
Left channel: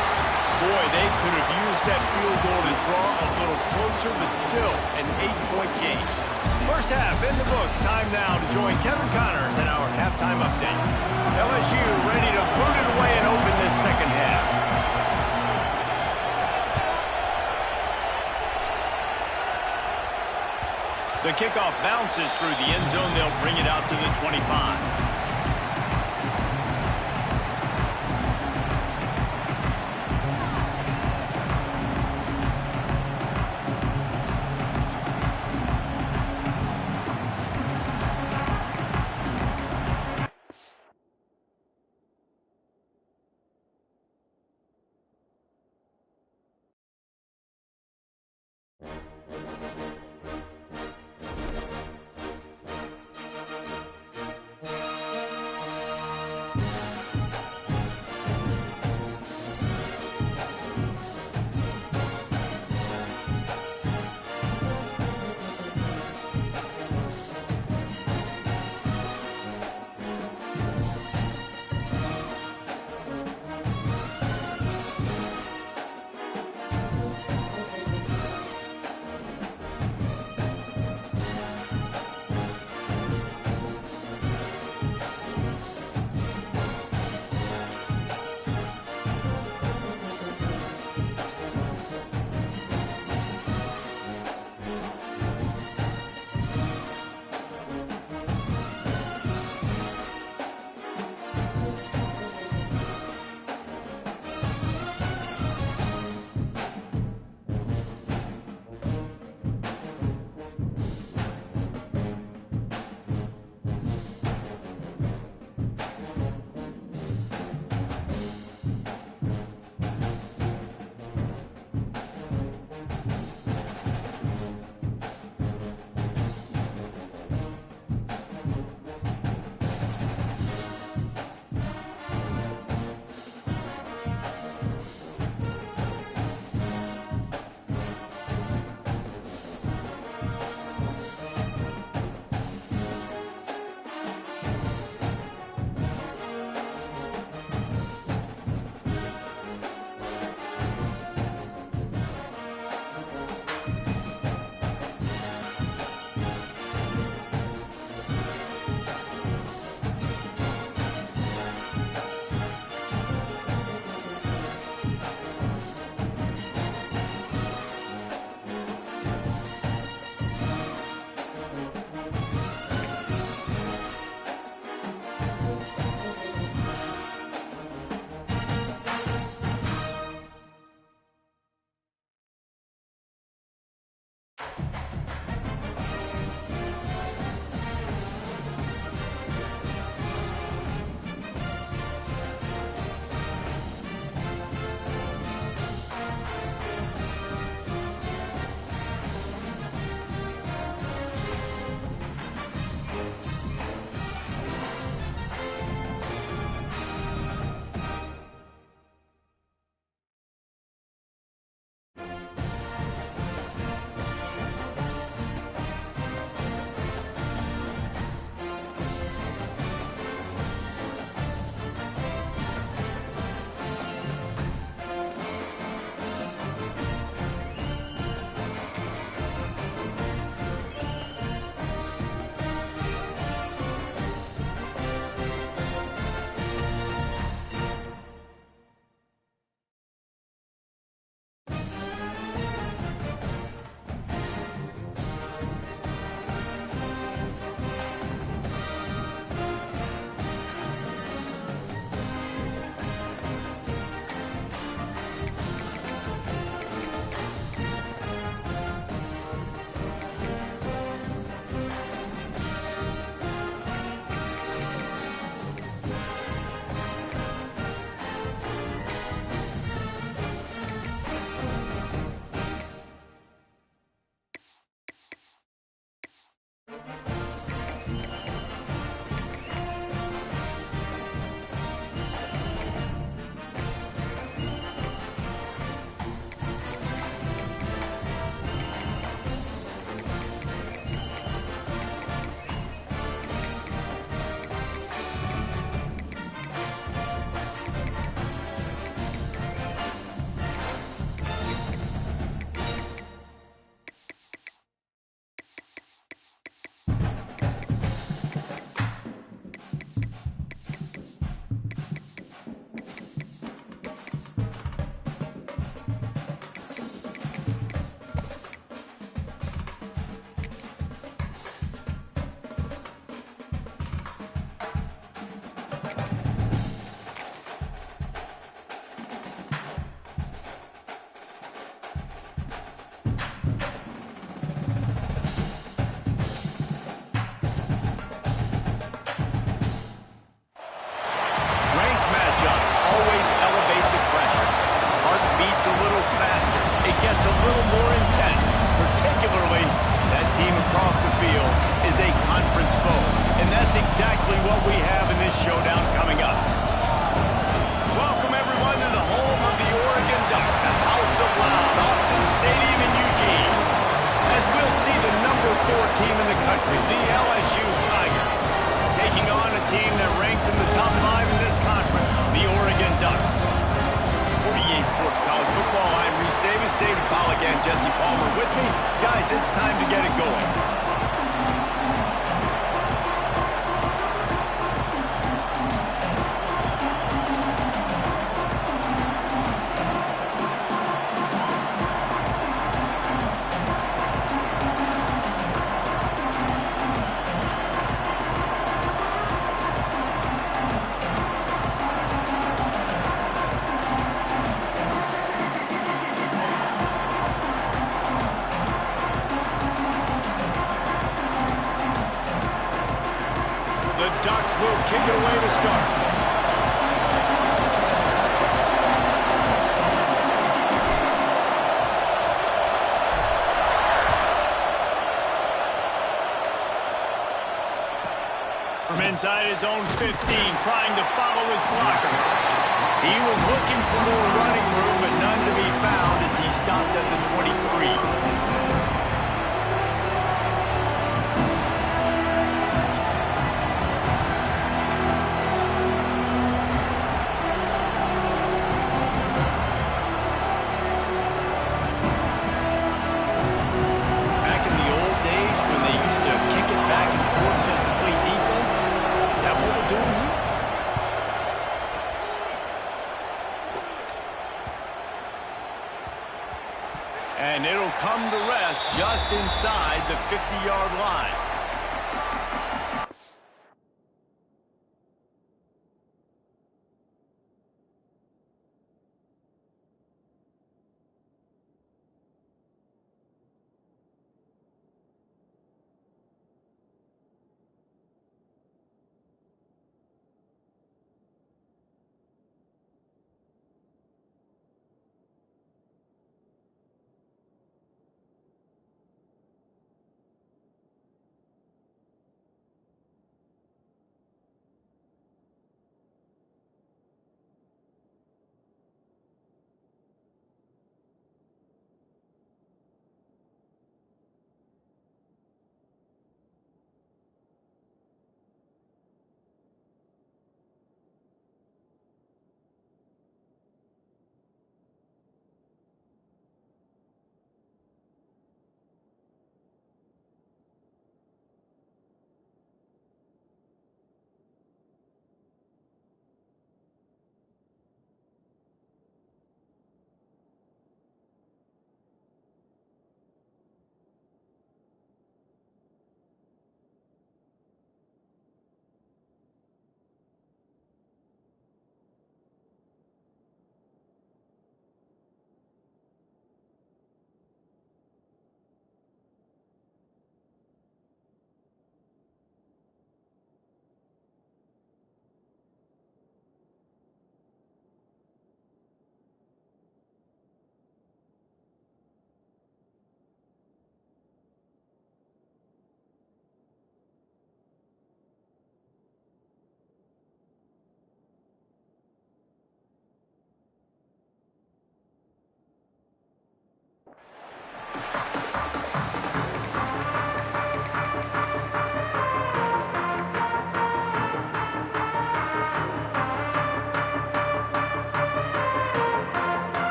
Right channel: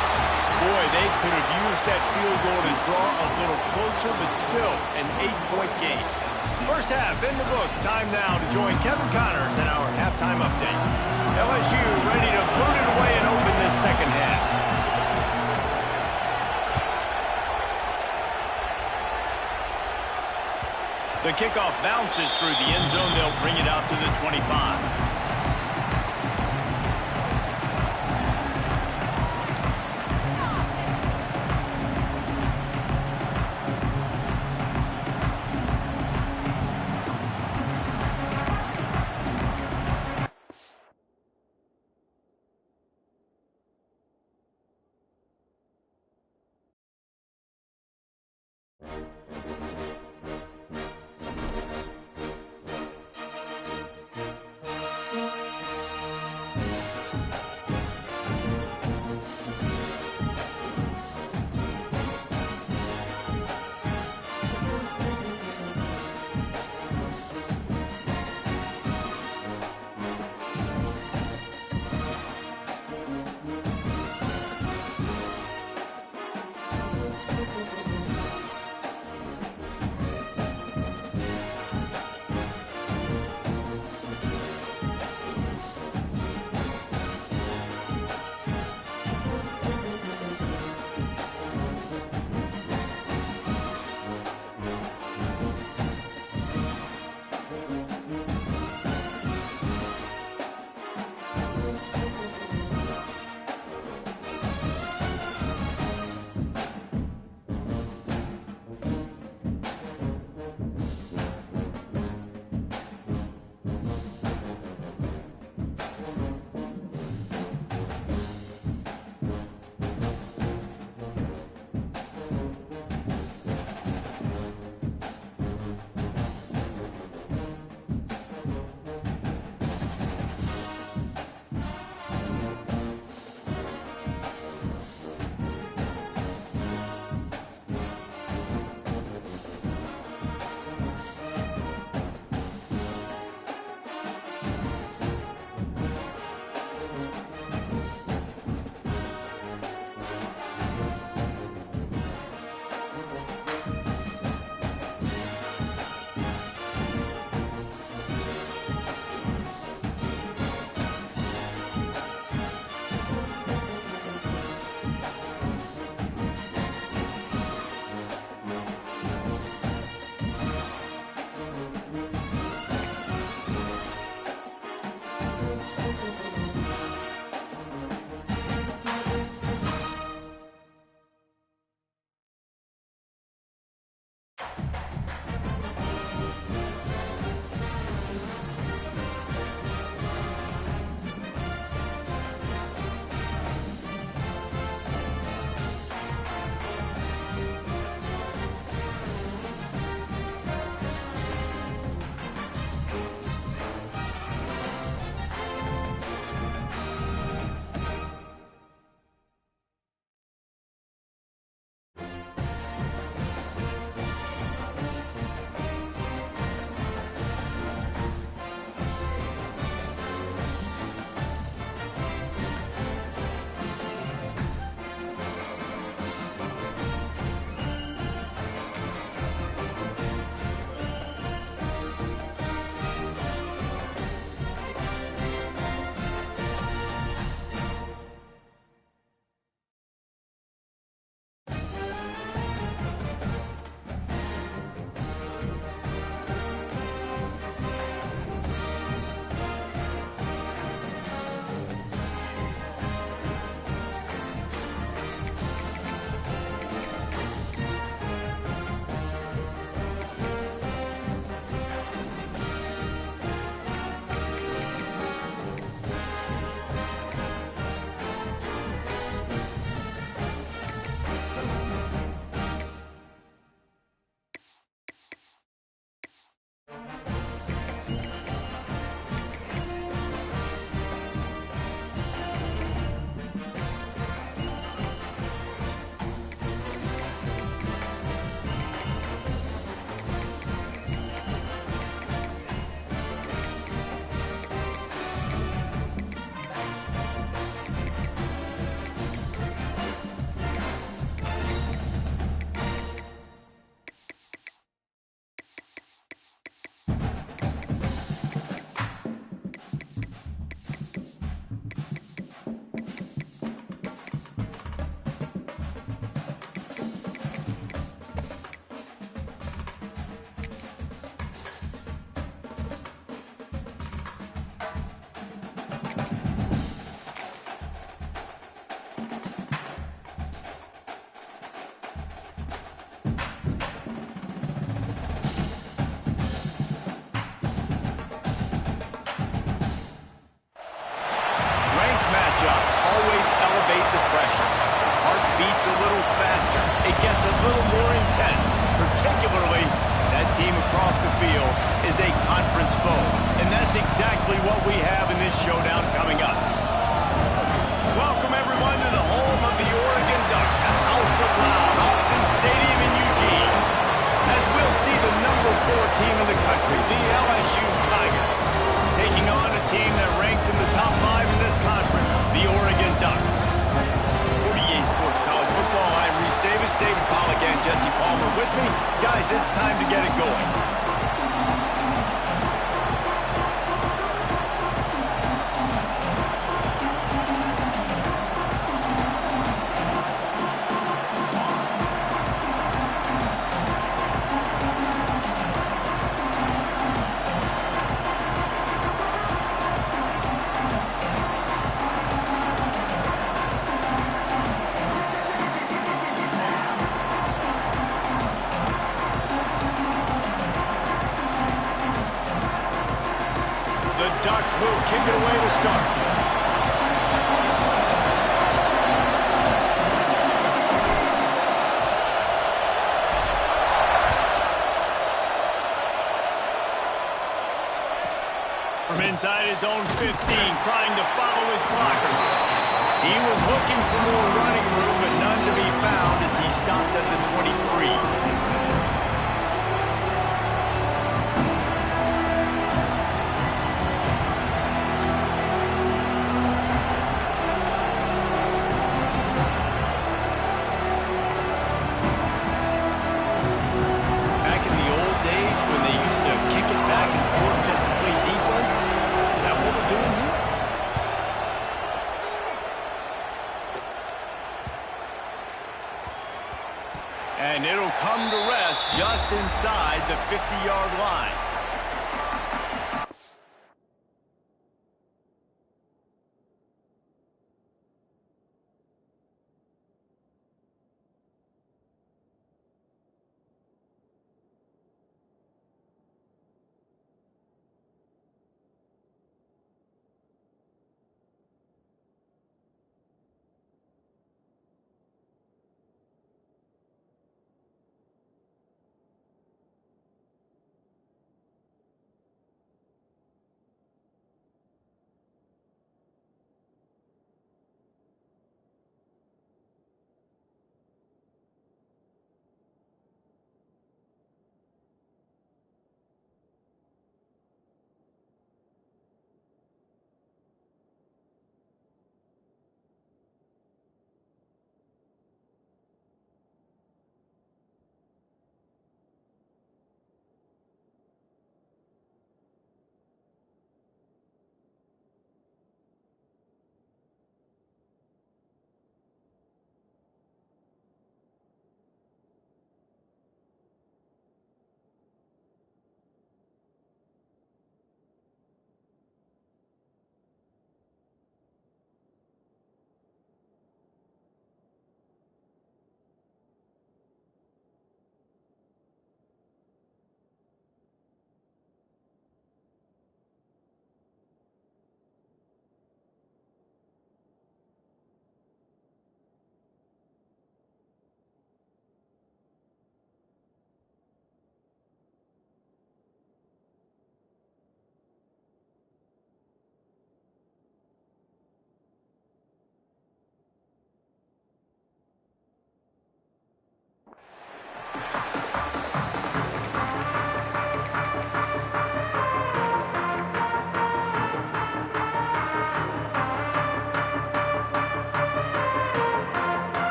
Boy, they could have used that field goal to draw a little closer, but still an 8-point game. First half in the books. Time now to join Kevin Connors in our halftime update. LSU ready to boot it away and open this second half. The kickoff bounces through the end zone. They'll bring it out to the 25. pressure. Heart beats a little faster. It gets a little more intense, particularly that team across the field is a conference foe. And that's exactly what we have in this showdown coming up. Welcome, everyone, to the home of the Oregon Ducks, the House of Loud, Autzen Stadium in Eugene. As we'll see the number 4 team in the country, the LSU Tigers, taking on a team that ranks in the top 5 in this conference, the Oregon Ducks. For EA Sports College Football, I'm Reese Davis, David Pollack, and Jesse Palmer with me. Guys, it's time to get it going. The Ducks will kick it away to start. From inside his own 15, trying to follow his blockers. He was looking for more running room, but none to be found as he stopped at the 23. And it'll come to rest just inside the 50-yard line.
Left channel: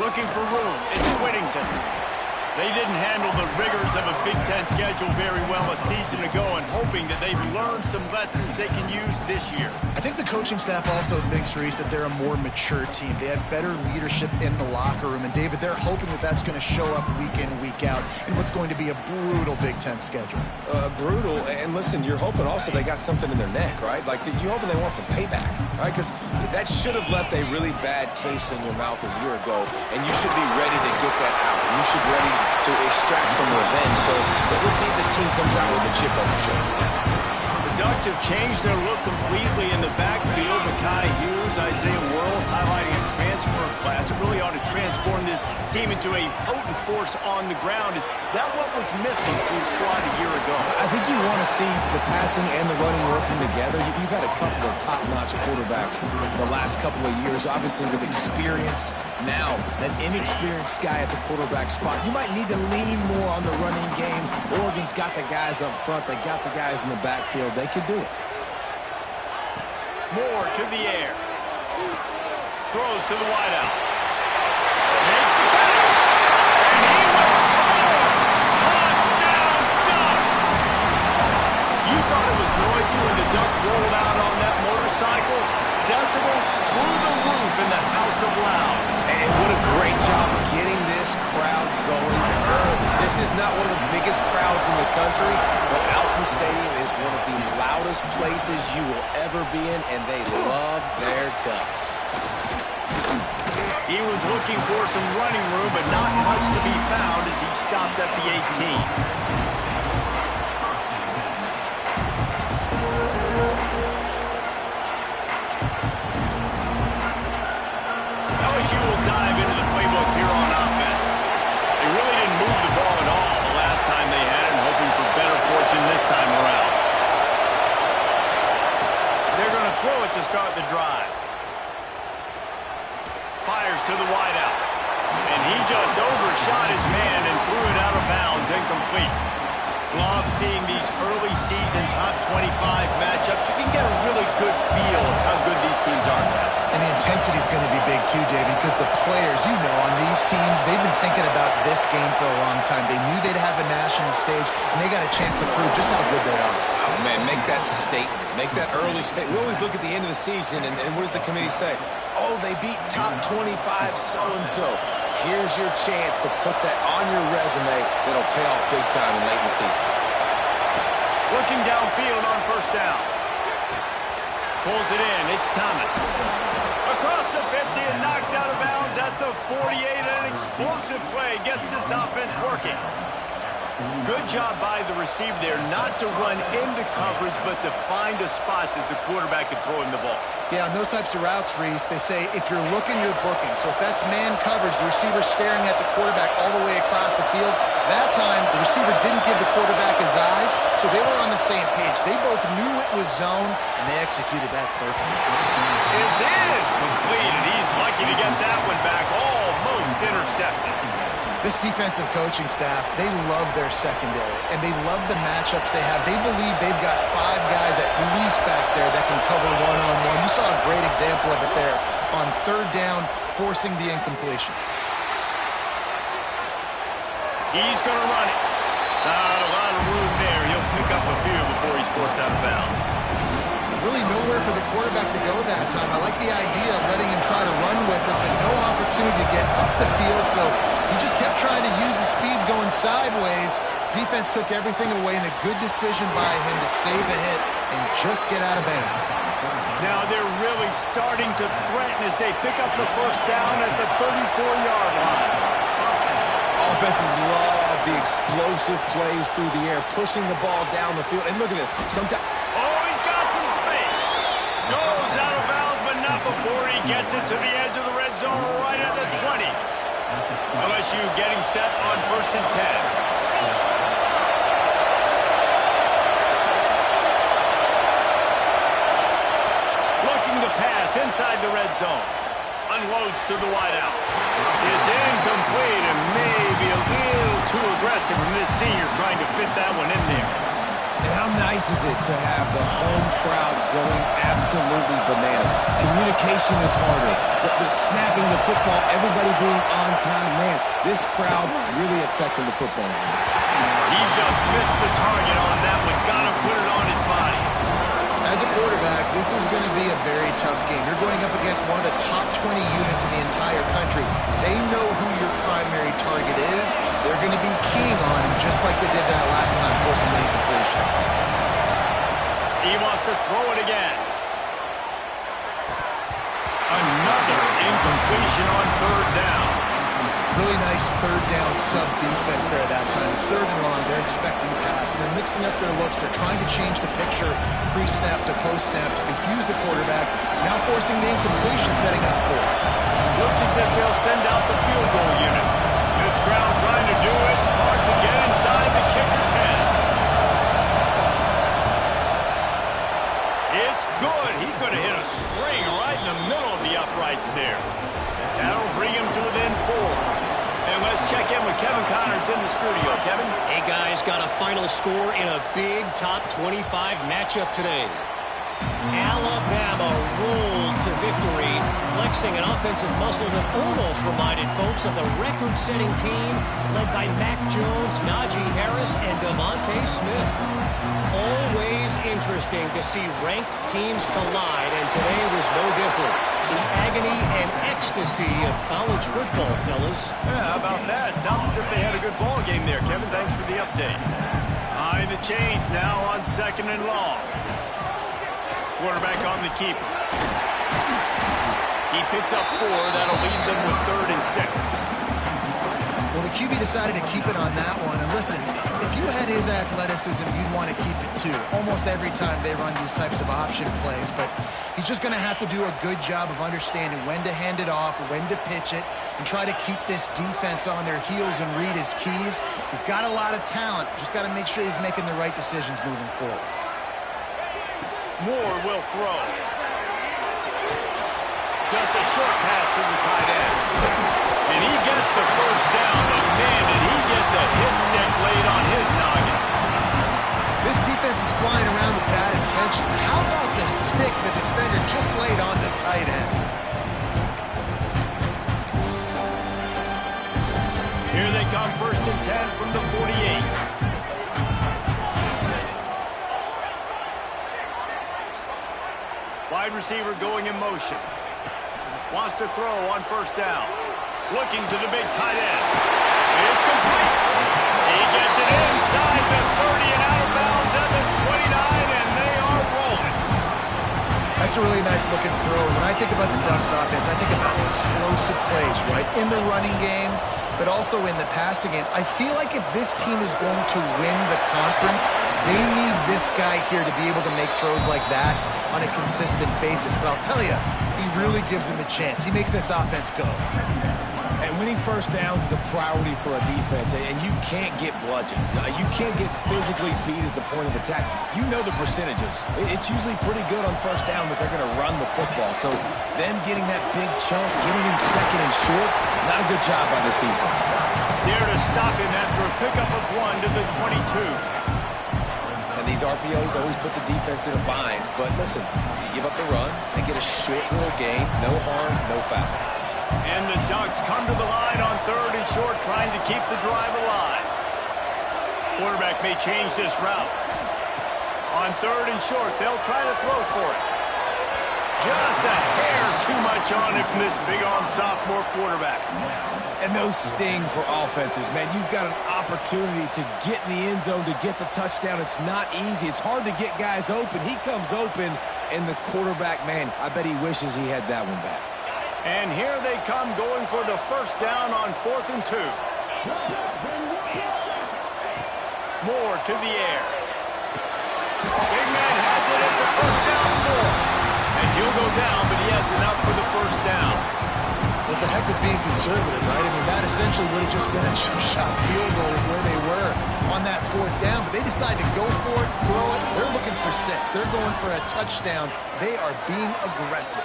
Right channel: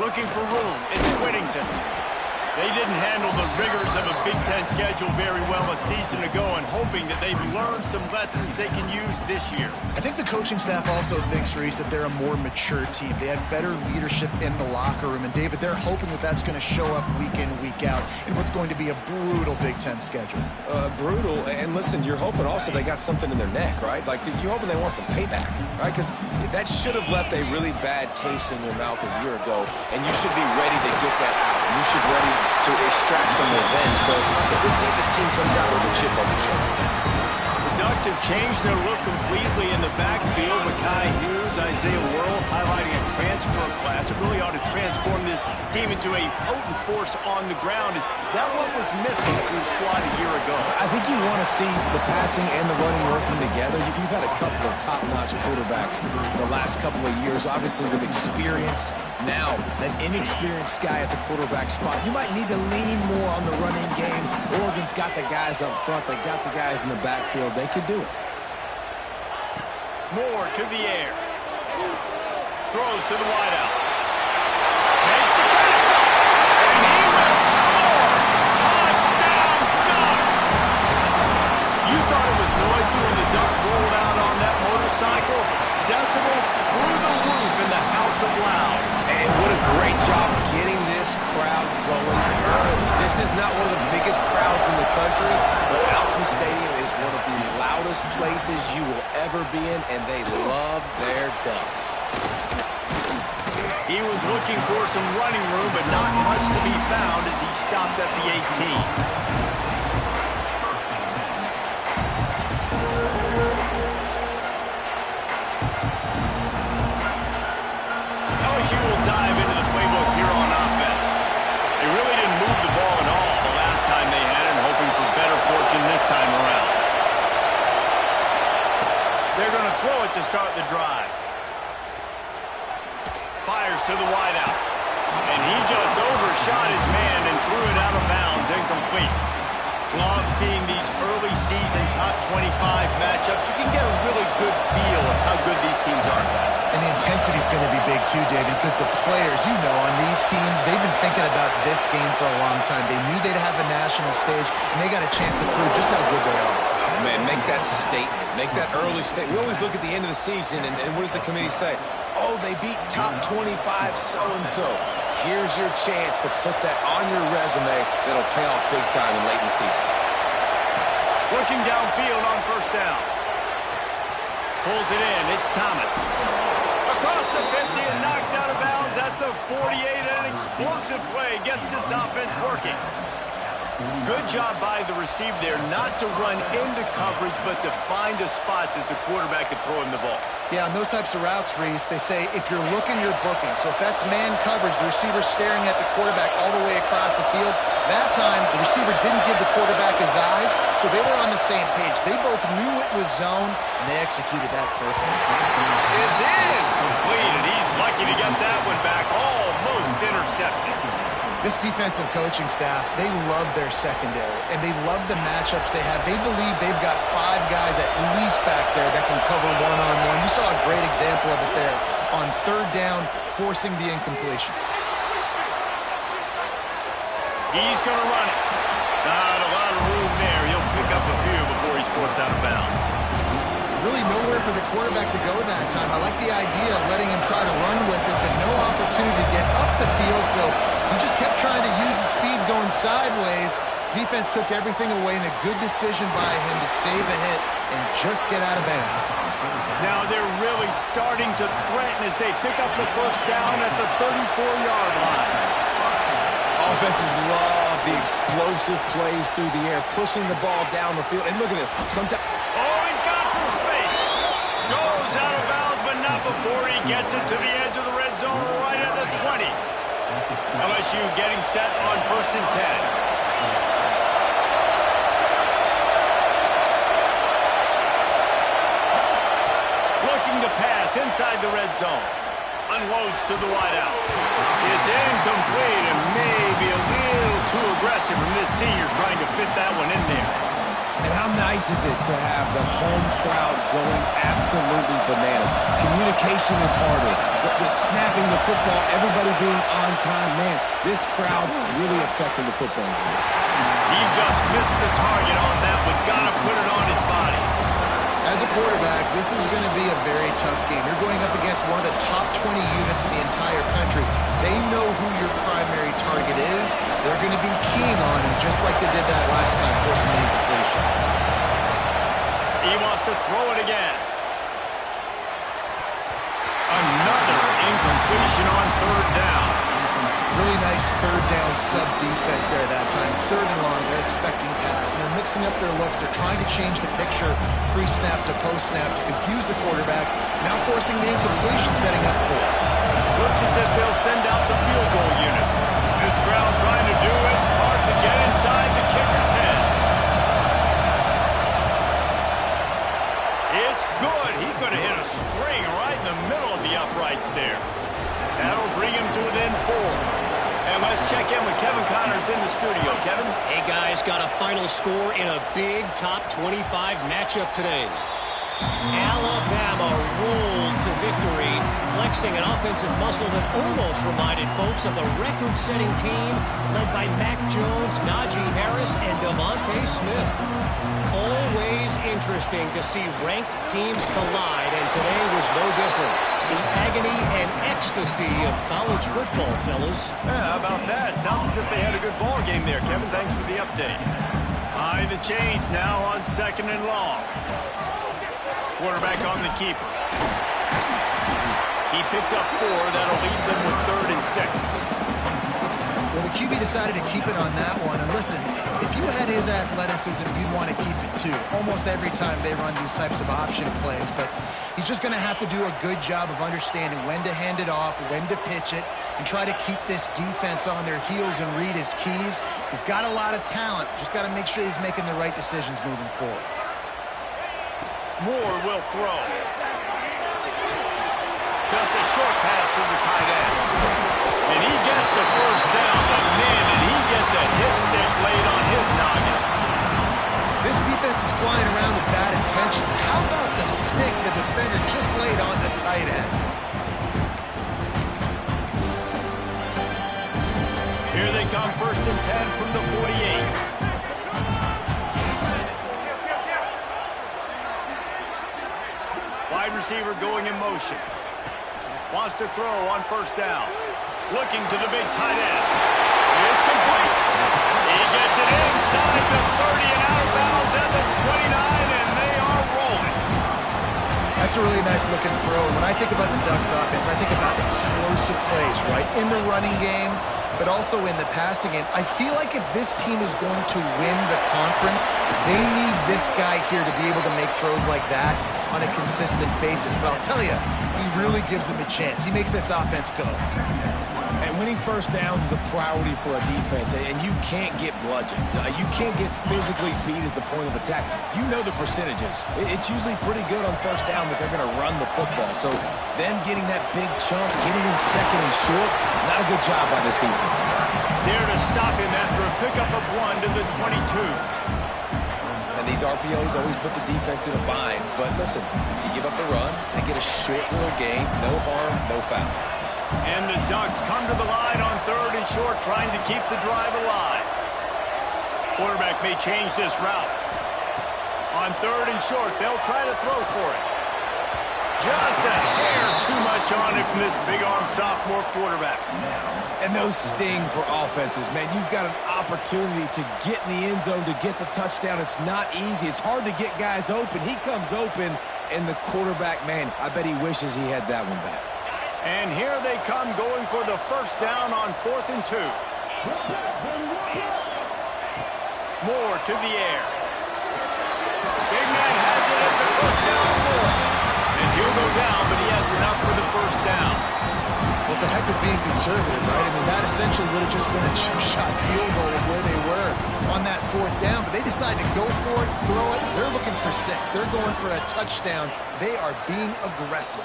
Looking for room. It's Whittington. They didn't handle the rigors of a Big Ten schedule very well a season ago, and hoping that they've learned some lessons they can use this year. I think the coaching staff also thinks, Reese, that they're a more mature team. They have better leadership in the locker room. And, David, they're hoping that that's going to show up week in, week out in what's going to be a brutal Big Ten schedule. Brutal. And, listen, you're hoping also they got something in their neck, right? Like, you're hoping they want some payback, right? Because that should have left a really bad taste in your mouth a year ago, and you should be ready to get that out. And you should be ready to extract some revenge. So let's see if this team comes out with a chip on their shoulder. The Ducks have changed their look completely in the backfield. Mekhi Hughes, Isaiah World highlighting a transfer class. It really ought to transform this team into a potent force on the ground. Is that what was missing from the squad a year ago? I think you want to see the passing and the running working together. You've had a couple of top-notch quarterbacks the last couple of years, obviously with experience. Now, an inexperienced guy at the quarterback spot. You might need to lean more on the running game. Oregon's got the guys up front. They got the guys in the backfield. They could do it. Moore to the air. Throws to the wideout. Makes the catch. And he will score. Touchdown, Ducks. You thought it was noisy when the Duck rolled out on that motorcycle? Decibels through the roof in the House of Loud. And what a great job getting this crowd going early. This is not one of the biggest crowds in the country, but Alson Stadium is one of the loudest places you will ever be in, and they love their Ducks. He was looking for some running room, but not much to be found as he stopped at the 18. LSU will dive into the playbook here on offense. They really didn't move the ball at all the last time they had it, hoping for better fortune this time around. They're going to throw it to start the drive. Fires to the wideout. And he just overshot his man and threw it out of bounds, incomplete. Love seeing these early season top 25 matchups. You can get a really good feel of how good these teams are, guys. And the intensity is going to be big too, David, because the players, you know, on these teams, they've been thinking about this game for a long time. They knew they'd have a national stage, and they got a chance to prove just how good they are. Oh, man, make that statement. Make that early statement. We always look at the end of the season, and what does the committee say? Oh, they beat top 25 so-and-so. Here's your chance to put that on your resume that'll pay off big time in late in the season. Looking downfield on first down. Pulls it in. It's Thomas. Across the 50 and knocked out of bounds at the 48. An explosive play gets this offense working. Good job by the receiver there not to run into coverage, but to find a spot that the quarterback could throw him the ball. Yeah, on those types of routes, Reese, they say if you're looking, you're booking. So if that's man coverage, the receiver's staring at the quarterback all the way across the field. That time, the receiver didn't give the quarterback his eyes, so they were on the same page. They both knew it was zone, and they executed that perfectly. It's in. Completed. He's lucky to get that one back. Almost intercepted. This defensive coaching staff, they love their secondary, and they love the matchups they have. They believe they've got 5 guys at least back there that can cover one-on-one. You saw a great example of it there on third down, forcing the incompletion. He's going to run it. Not a lot of room there. He'll pick up a few before he's forced out of bounds. Really nowhere for the quarterback to go that time. I like the idea of letting him try to run with it, but no opportunity to get up the field, so he just kept trying to use his speed going sideways. Defense took everything away, and a good decision by him to save a hit and just get out of bounds. Now they're really starting to threaten as they pick up the first down at the 34-yard line. Offenses love the explosive plays through the air, pushing the ball down the field. And look at this. Sometimes. Oh, he's got some space. Goes out of bounds, but not before he gets it to the edge of the red zone right at the 20. LSU getting set on 1st and 10. Looking to pass inside the red zone. Unloads to the wideout. It's incomplete and maybe a little too aggressive from this senior trying to fit that one in there. And how nice is it to have the home crowd going absolutely bananas? Communication is harder. The snapping the football, everybody being on time. Man, this crowd really affecting the football game. He just missed the target on that one. Gotta put it on his body. As a quarterback, this is going to be a very tough game. You're going up against one of the top 20 units in the entire country. They know who your primary target is. They're going to be keying on him, just like they did that last time, forcing the incompletion. He wants to throw it again. Another incompletion on third down. Really nice third down sub defense there that time. It's third and long. They're expecting pass, and they're mixing up their looks. They're trying to change the picture pre-snap to post-snap to confuse the quarterback, now forcing the incompletion, setting up for it. Looks as if they'll send out the field goal unit. This crowd trying to do its part to get inside the kicker's head. It's good. He could have hit a string right in the middle of the uprights there. That'll bring him to within 4. And let's check in with Kevin Connors in the studio. Kevin? Hey, guys, got a final score in a big top 25 matchup today. Alabama rolled to victory, flexing an offensive muscle that almost reminded folks of the record-setting team led by Mac Jones, Najee Harris, and Devontae Smith. Always interesting to see ranked teams collide, and today was no different. The agony and ecstasy of college football, fellas. Yeah, how about that? Sounds as if they had a good ball game there, Kevin. Thanks for the update. Behind the chains now on 2nd and long. Quarterback on the keeper. He picks up 4. That'll leave them with 3rd and 6. Well, the QB decided to keep it on that one. And listen, if you had his athleticism, you'd want to keep it too. Almost every time they run these types of option plays. But he's just going to have to do a good job of understanding when to hand it off, when to pitch it, and try to keep this defense on their heels and read his keys. He's got a lot of talent. Just got to make sure he's making the right decisions moving forward. Moore will throw. Just a short pass to the tight end. And he gets the first down, but man, did he get the hit stick laid on his noggin. This defense is flying around with bad intentions. How about the stick the defender just laid on the tight end? Here they come, 1st and 10 from the 48. Wide receiver going in motion. Wants to throw on 1st down. Looking to the big tight end. It's complete. He gets it inside the 30 and out of bounds at the 29, and they are rolling. That's a really nice looking throw. And when I think about the Ducks offense, I think about explosive plays, right? In the running game, but also in the passing game. I feel like if this team is going to win the conference, they need this guy here to be able to make throws like that on a consistent basis. But I'll tell you, he really gives him a chance. He makes this offense go. And winning 1st downs is a priority for a defense, and you can't get bludgeoned. You can't get physically beat at the point of attack. You know the percentages. It's usually pretty good on 1st down that they're going to run the football. So them getting that big chunk, getting in 2nd and short, not a good job by this defense. There to stop him after a pickup of 1 to the 22. And these RPOs always put the defense in a bind. But listen, you give up the run, they get a short little gain, no harm, no foul. And the Ducks come to the line on 3rd and short, trying to keep the drive alive. Quarterback may change this route. On 3rd and short, they'll try to throw for it. Just a hair too much on it from this big-armed sophomore quarterback. And those sting for offenses, man. You've got an opportunity to get in the end zone, to get the touchdown. It's not easy. It's hard to get guys open. He comes open, and the quarterback, man, I bet he wishes he had that one back. And here they come, going for the 1st down on 4th and 2. Moore to the air. Big man has it. It's a 1st down and more. And he'll go down, but he has enough for the 1st down. Well, it's a heck of being conservative, right? I mean, that essentially would have just been a chip-shot field goal of where they were on that 4th down. But they decide to go for it, throw it. They're looking for 6. They're going for a touchdown. They are being aggressive.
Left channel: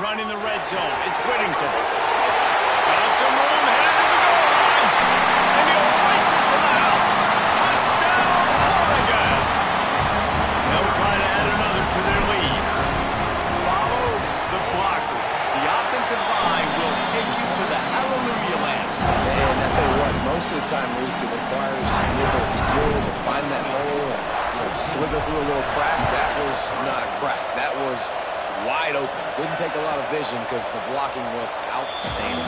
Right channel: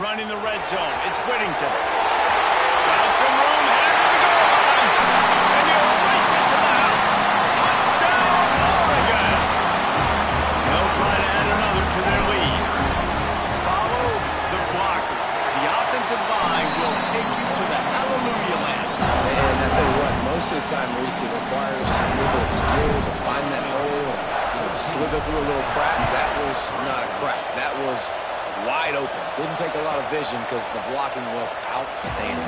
Running the red zone. It's Whittington. Got some room, headed to the goal line. And he'll race it to the house. Touchdown, Oregon. They'll try to add another to their lead. Follow the blockers. The offensive line will take you to the hallelujah land. And I tell you what, most of the time, Reese, it requires a little bit of skill to find that hole and slither through a little crack. That was not a crack. That was wide open. Didn't take a lot of vision because the blocking was outstanding.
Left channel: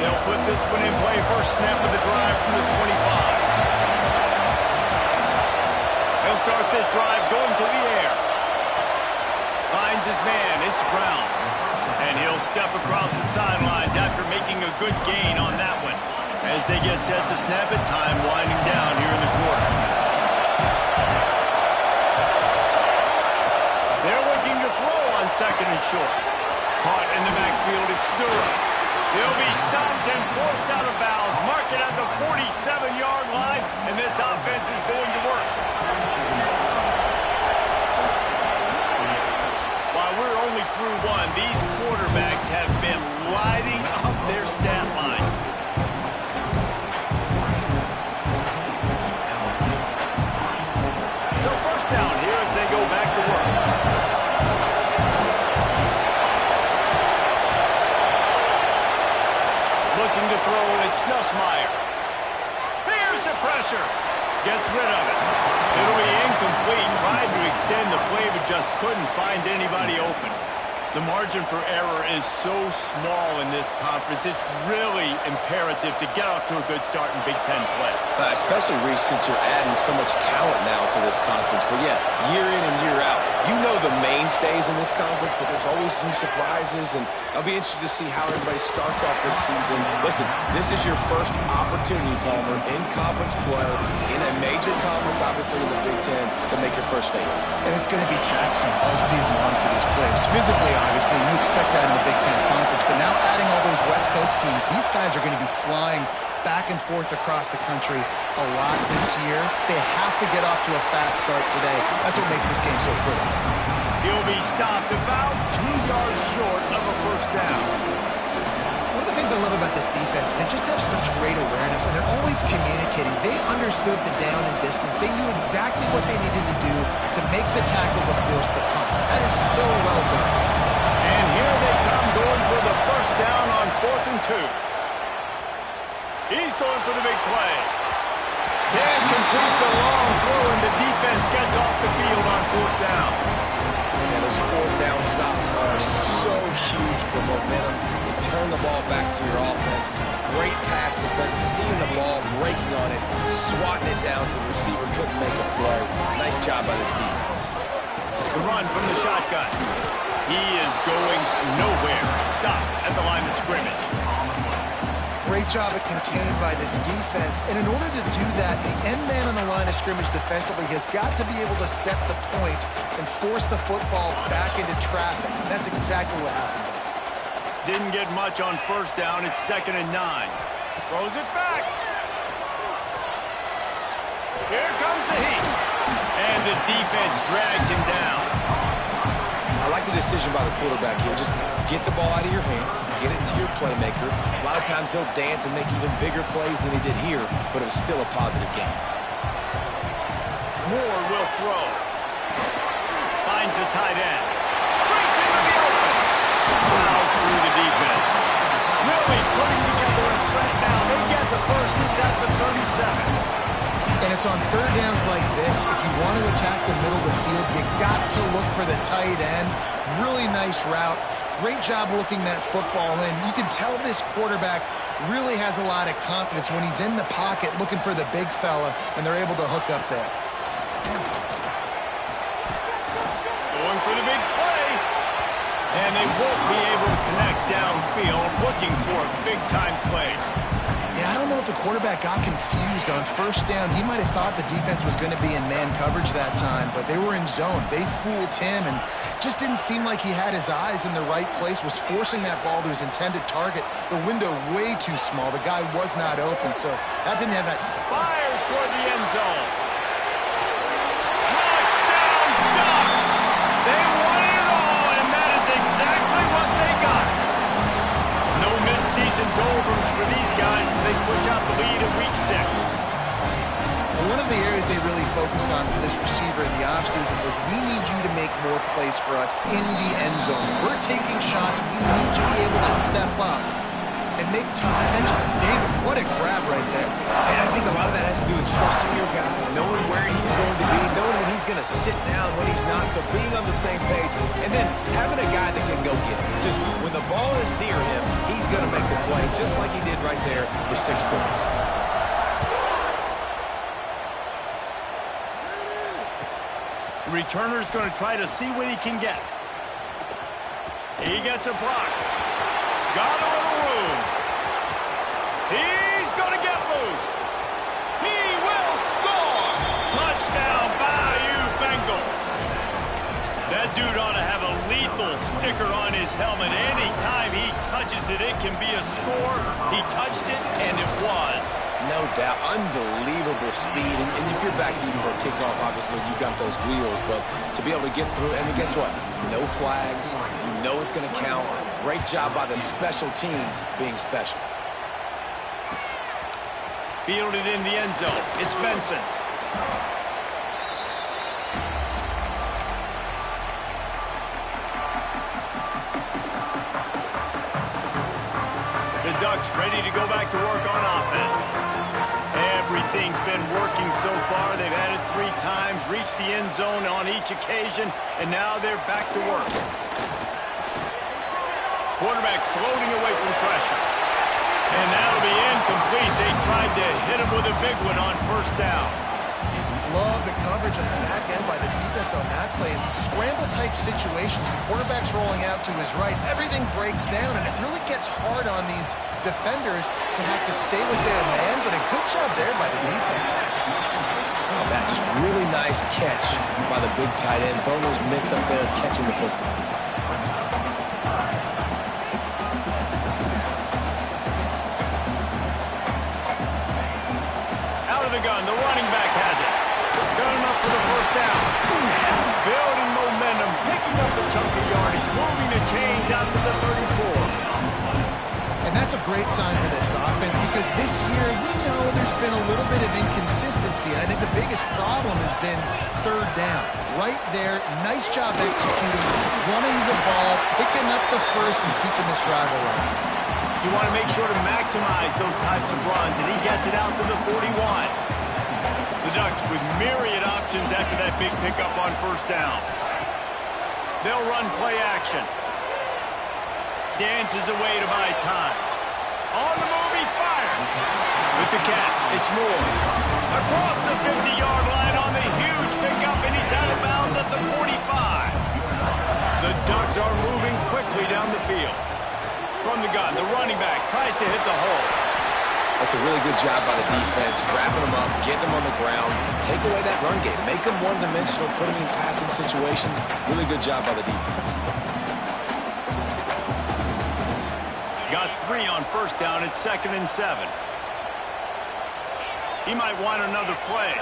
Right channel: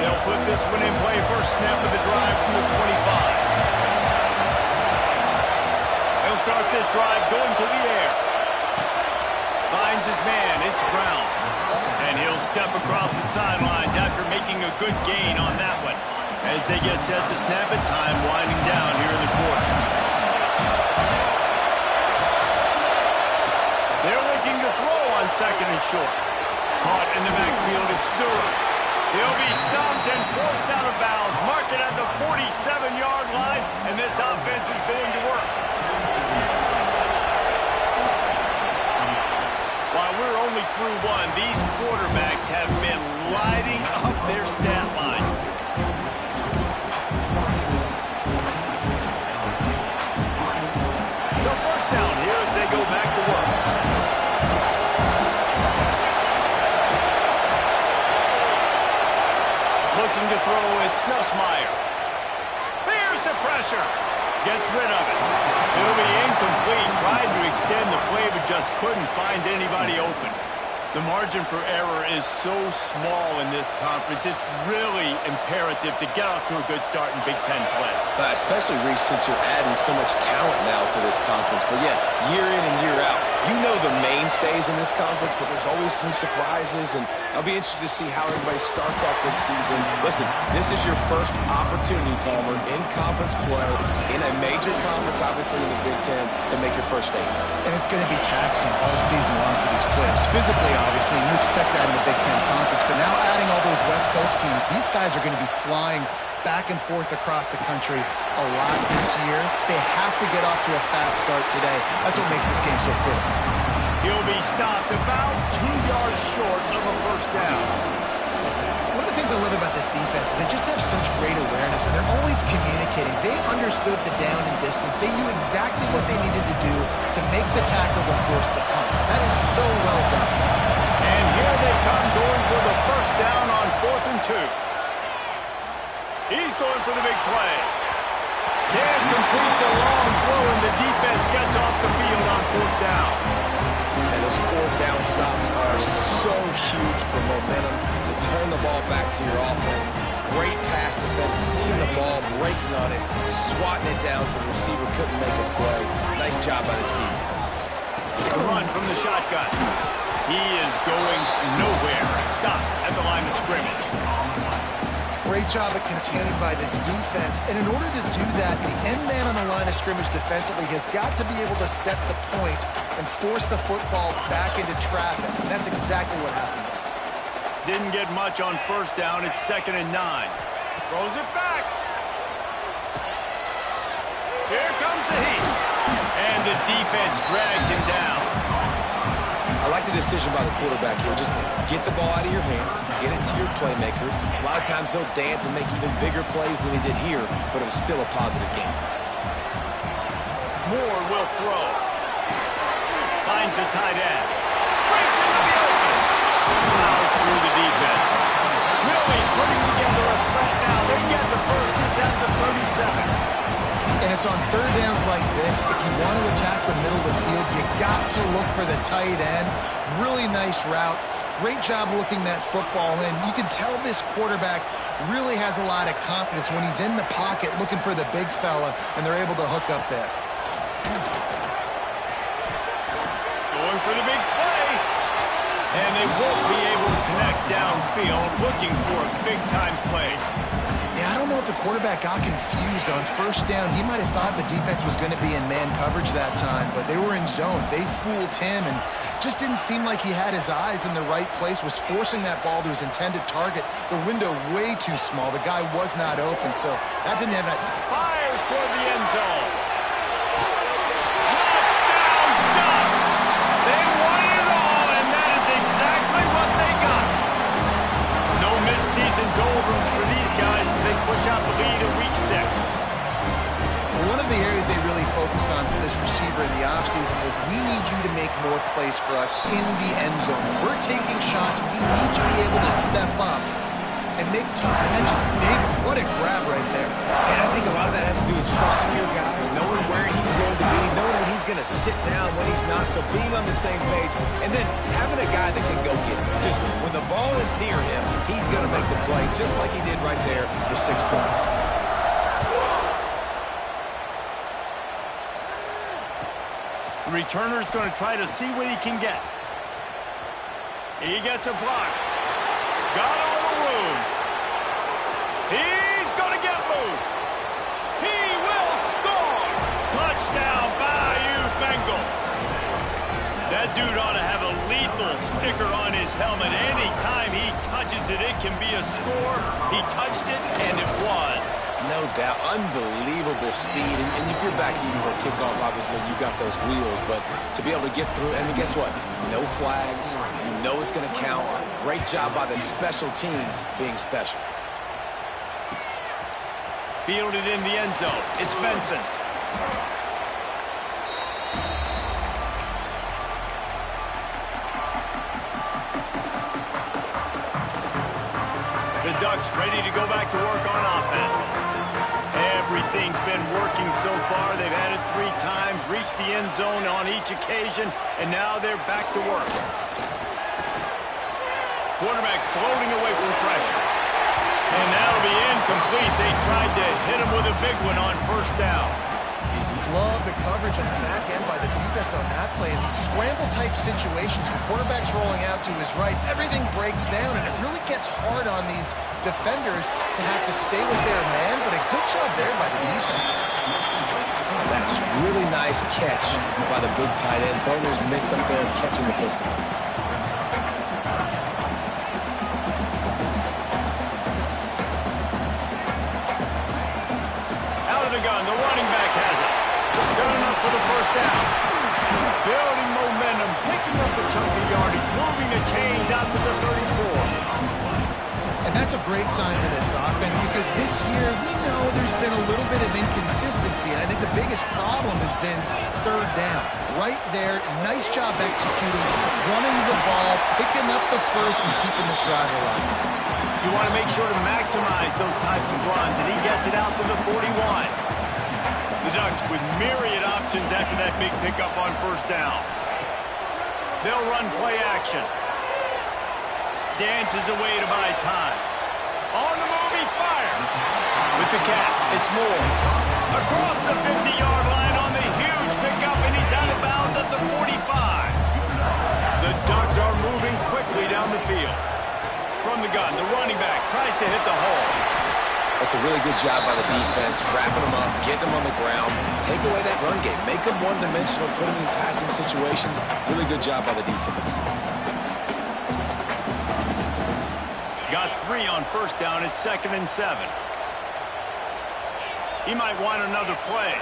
They'll put this one in play. First snap of the drive from the 25. He'll start this drive going to the air. Finds his man. It's Brown. And he'll step across the sidelines after making a good gain on that one. As they get set to snap it, time winding down here in the quarter. They're looking to throw on 2nd and short. Caught in the backfield, it's Durham. He'll be stumped and forced out of bounds. Mark it at the 47-yard line, and this offense is going to work. While we're only through one, these quarterbacks have been lighting up their stat lines. So first down here as they go back to work. Looking to throw, it's Nussmeier. Fears the pressure. Gets rid of it. It'll be incomplete. Tried to extend the play, but just couldn't find anybody open. The margin for error is so small in this conference. It's really imperative to get off to a good start in Big Ten play. Especially, Reese, since you're adding so much talent now to this conference. But, yeah, year in and year out, you know the mainstays in this conference, but there's always some surprises, and I'll be interested to see how everybody starts off this season. Listen, this is your first opportunity, Palmer, in conference play, in a major conference, obviously in the Big Ten, to make your first statement. And it's going to be taxing all season long for these players. Physically, obviously, you expect that in the Big Ten Conference, but now adding all those West Coast teams, these guys are going to be flying back and forth across the country a lot this year. They have to get off to a fast start today. That's what makes this game so critical. He'll be stopped about 2 yards short of a first down. One of the things I love about this defense is they just have such great awareness, and they're always communicating. They understood the down and distance. They knew exactly what they needed to do to make the tackle to force the punt. That is so well done. And here they come going for the first down on 4th and 2. He's going for the big play. Can't complete the long throw, and the defense gets off the field on 4th down. And those 4th down stops are so huge for momentum to turn the ball back to your offense. Great pass defense, seeing the ball, breaking on it, swatting it down so the receiver couldn't make a play. Nice job by this defense. The run from the shotgun. He is going nowhere. Stop at the line of scrimmage. Great job at contained by this defense. And in order to do that, the end man on the line of scrimmage defensively has got to be able to set the point and force the football back into traffic. And that's exactly what happened. Didn't get much on first down. It's 2nd and 9. Throws it back. Here comes the heat. And the defense drags him down. I like the decision by the quarterback here. Just get the ball out of your hands, get it to your playmaker. A lot of times he'll dance and make even bigger plays than he did here, but it was still a positive game. Moore will throw. Finds the tight end. Breaks into the open. Plows through the defense. Really putting together a threat now. They get the first. It's at the 37. And it's on 3rd downs like this. If you want to attack the middle of the field, you got to look for the tight end. Really nice route. Great job looking that football in. You can tell this quarterback really has a lot of confidence when he's in the pocket looking for the big fella, and they're able to hook up there. Going for the big play. And they won't be able to connect downfield, looking for a big-time play. Yeah, I don't know if the quarterback got confused on first down. He might have thought the defense was going to be in man coverage that time, but they were in zone. They fooled him and just didn't seem like he had his eyes in the right place, was forcing that ball to his intended target. The window way too small. The guy was not open, so that didn't have that. Fires toward the end zone. Touchdown Ducks! They won it all, and that is exactly what they got. No mid-season doldrums for these guys as they push out the lead in Week 6. Well, one of the areas they really focused on for this receiver in the offseason was we need you to make more plays for us in the end zone. We're taking shots. We need you to be able to step up and make tough catches. David, what a grab right there. And I think a lot of that has to do with trusting your guy, knowing where he's going to be, knowing when he's going to sit down, when he's not, so being on the same page, and then having a guy that can go get it. Just when the ball is near him, he's going to make the play, just like he did right there for 6 points. The returner's going to try to see what he can get. He gets a block. Got a little room. He's going to get loose. He will score. Touchdown, Bayou Bengals. That dude ought to have a lethal sticker on his helmet. Anytime he touches it, it can be a score. He touched it, and it was. No doubt. Unbelievable speed. And if you're back deep for a kickoff, obviously you've got those wheels. But to be able to get through, and guess what? No flags. You know it's going to count. Great job by the special teams being special. Fielded in the end zone. It's Benson. The Ducks ready to go back to work on offense. Everything's been working so far. They've had it 3 times, reached the end zone on each occasion, and now they're back to work. Quarterback floating away from pressure. And that'll be incomplete. They tried to hit him with a big one on first down. Love the coverage on the back end by the defense on that play. In these scramble-type situations, the quarterback's rolling out to his right. Everything breaks down, and it really gets hard on these defenders to have to stay with their man, but a good job there by the defense. Oh, that just really nice catch by the big tight end. Throwing those mitts up there and catching the football. Out of the gun, the running back has it. Got enough for the first down. Building momentum, picking up a chunk of yardage, moving the chains out to the 34. And that's a great sign for this offense because this year we know there's been a little bit of inconsistency. And I think the biggest problem has been third down. Right there, nice job executing, running the ball, picking up the first, and keeping this drive alive. You want to make sure to maximize those types of runs, and he gets it out to the 41. The Ducks with myriad options after that big pickup on first down. They'll run play action. Dances away to buy time. On the move, he fires. With the catch, it's Moore. Across the 50-yard line on the huge pickup, and he's out of bounds at the 45. The Ducks are moving quickly down the field. From the gun, the running back tries to hit the hole. That's a really good job by the defense, wrapping them up, getting them on the ground. Take away that run game. Make them one-dimensional, put them in passing situations. Really good job by the defense. Got 3 on first down. It's 2nd and 7. He might want another play.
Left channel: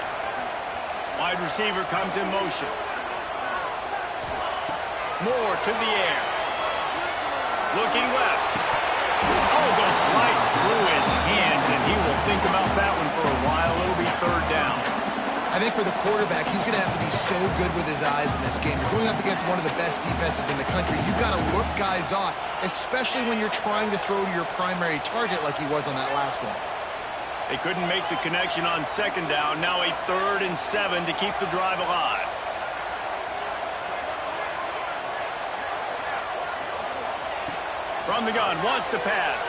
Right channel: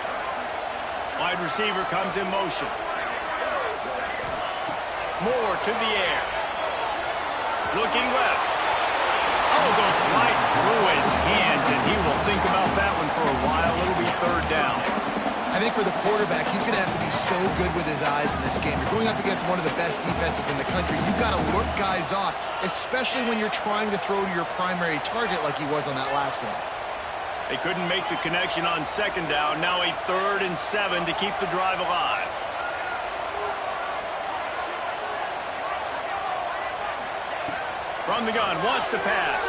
Wide receiver comes in motion. Moore to the air. Looking left. Oh, goes right through his hands, and he will think about that one for a while. It'll be 3rd down. I think for the quarterback, he's going to have to be so good with his eyes in this game. You're going up against one of the best defenses in the country. You've got to look guys off, especially when you're trying to throw to your primary target like he was on that last one. They couldn't make the connection on 2nd down. Now a 3rd and 7 to keep the drive alive. From the gun, wants to pass.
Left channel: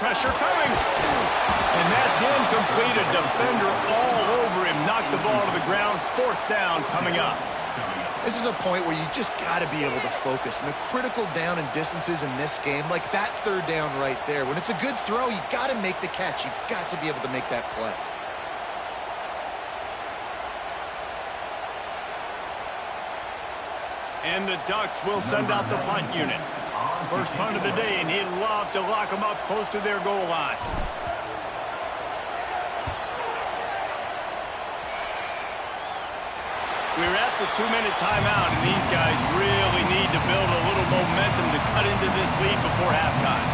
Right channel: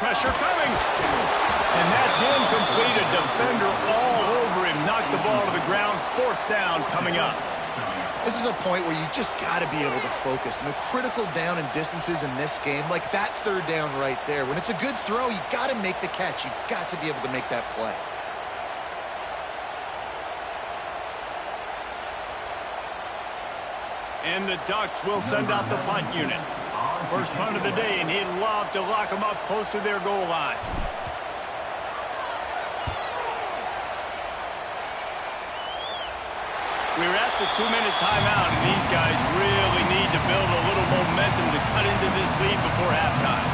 Pressure coming. And that's incomplete. A defender all over him. Knocked the ball to the ground. 4th down coming up. This is a point where you just got to be able to focus. And the critical down and distances in this game, like that 3rd down right there, when it's a good throw, you got to make the catch. You've got to be able to make that play. And the Ducks will send out the punt unit. First punt of the day, and he'd love to lock them up close to their goal line. We're at the 2-minute timeout, and these guys really need to build a little momentum to cut into this lead before halftime.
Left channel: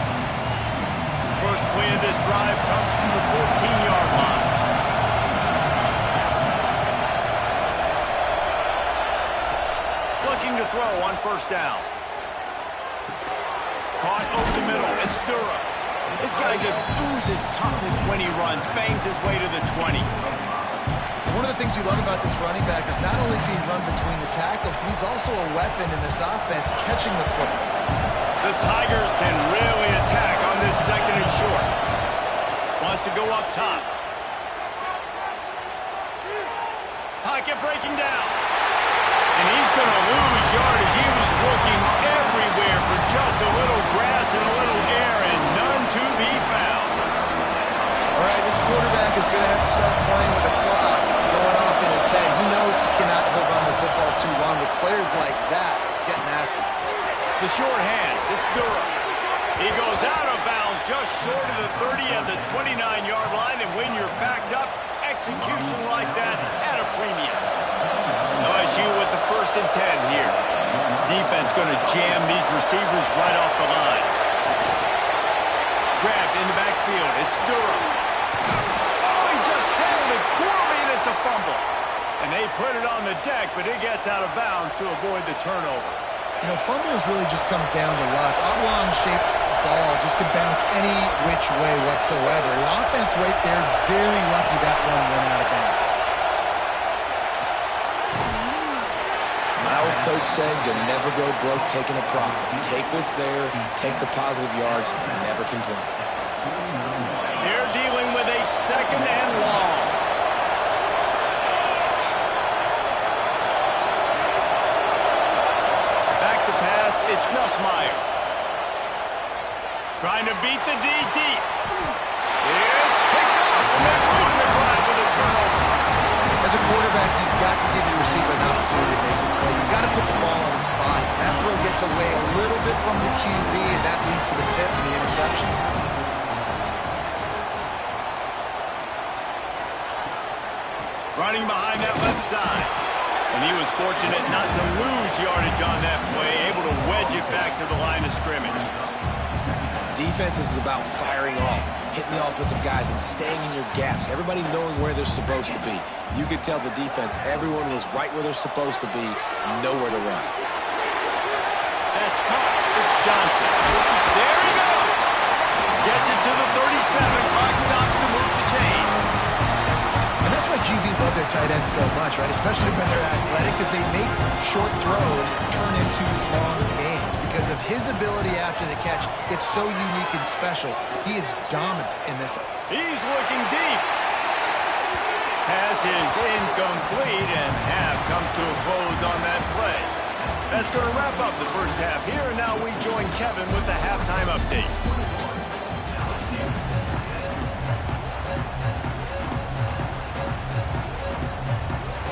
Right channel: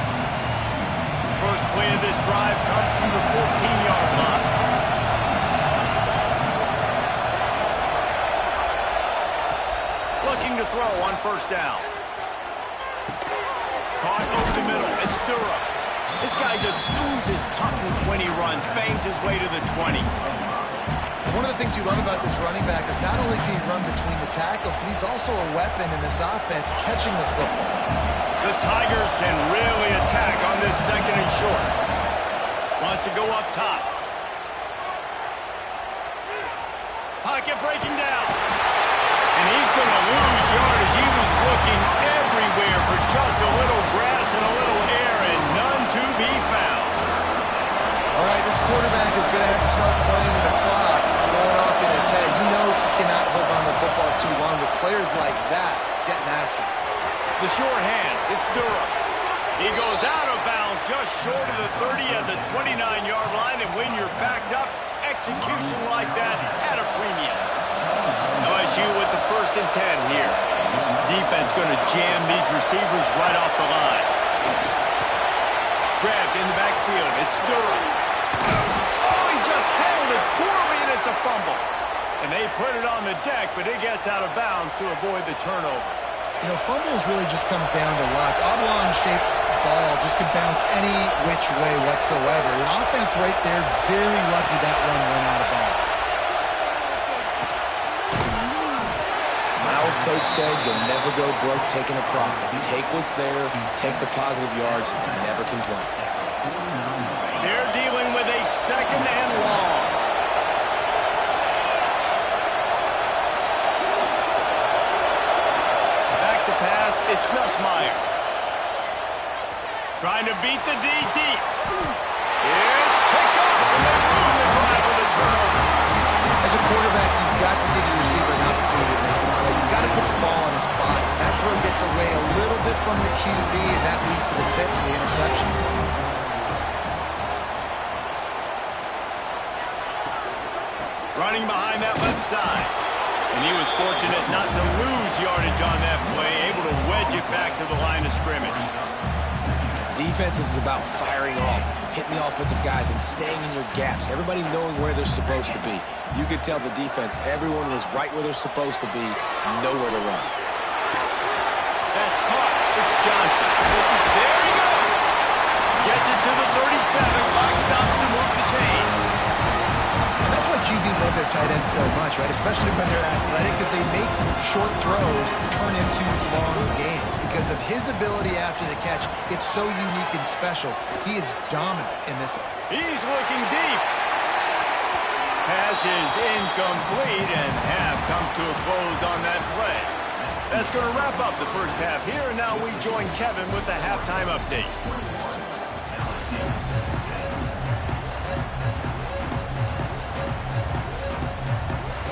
First play of this drive comes from the 14-yard line. Looking to throw on first down. Caught over the middle. It's Durham. This guy just oozes toughness when he runs. Bangs his way to the 20. One of the things you love about this running back is not only can he run between the tackles, but he's also a weapon in this offense catching the football. The Tigers can really attack on this 2nd and short. Wants to go up top. Pocket breaking down. He's going to lose yardage. He was looking everywhere for just a little grass and a little air, and none to be found. All right, this quarterback is going to have to start playing with the clock going off in his head. He knows he cannot hold on to the football too long with players like that getting after him. The sure hands, it's Durham. He goes out of bounds just short of the 30 at the 29-yard line, and when you're backed up, execution like that at a premium. LSU with the 1st and 10 here. Defense going to jam these receivers right off the line. Grabbed in the backfield, it's Durham. Oh, he just handled it poorly, and it's a fumble. And they put it on the deck, but it gets out of bounds to avoid the turnover. You know, fumbles really just comes down to luck. Oblong-shaped ball just could bounce any which way whatsoever. An offense right there, very lucky that one went out of bounds. My old coach said you'll never go broke taking a profit. Take what's there, take the positive yards, and never complain. They're dealing with a 2nd and long. Back to pass, it's Nussmeier. Trying to beat the D deep. It's picked off, and they ruin the drive with a turnover. As a quarterback, you've got to give your receiver an opportunity to make a play. You've got to put the ball on his body. That throw gets away a little bit from the QB, and that leads to the tip and the interception. Running behind that left side. And he was fortunate not to lose yardage on that play, able to wedge it back to the line of scrimmage. Defense is about firing off, hitting the offensive guys, and staying in your gaps. Everybody knowing where they're supposed to be. You could tell the defense, everyone was right where they're supposed to be, nowhere to run. That's caught. It's Johnson. There he goes. Gets it to the 37. Clock stops to move the chains. And that's why QBs love their tight ends so much, right? Especially when they're athletic, because they make short throws turn into long gains. Because of his ability after the catch, it's so unique and special. He is dominant in this. He's looking deep. Pass is incomplete, and half comes to a close on that play. That's going to wrap up the first half here, and now we join Kevin with the halftime update.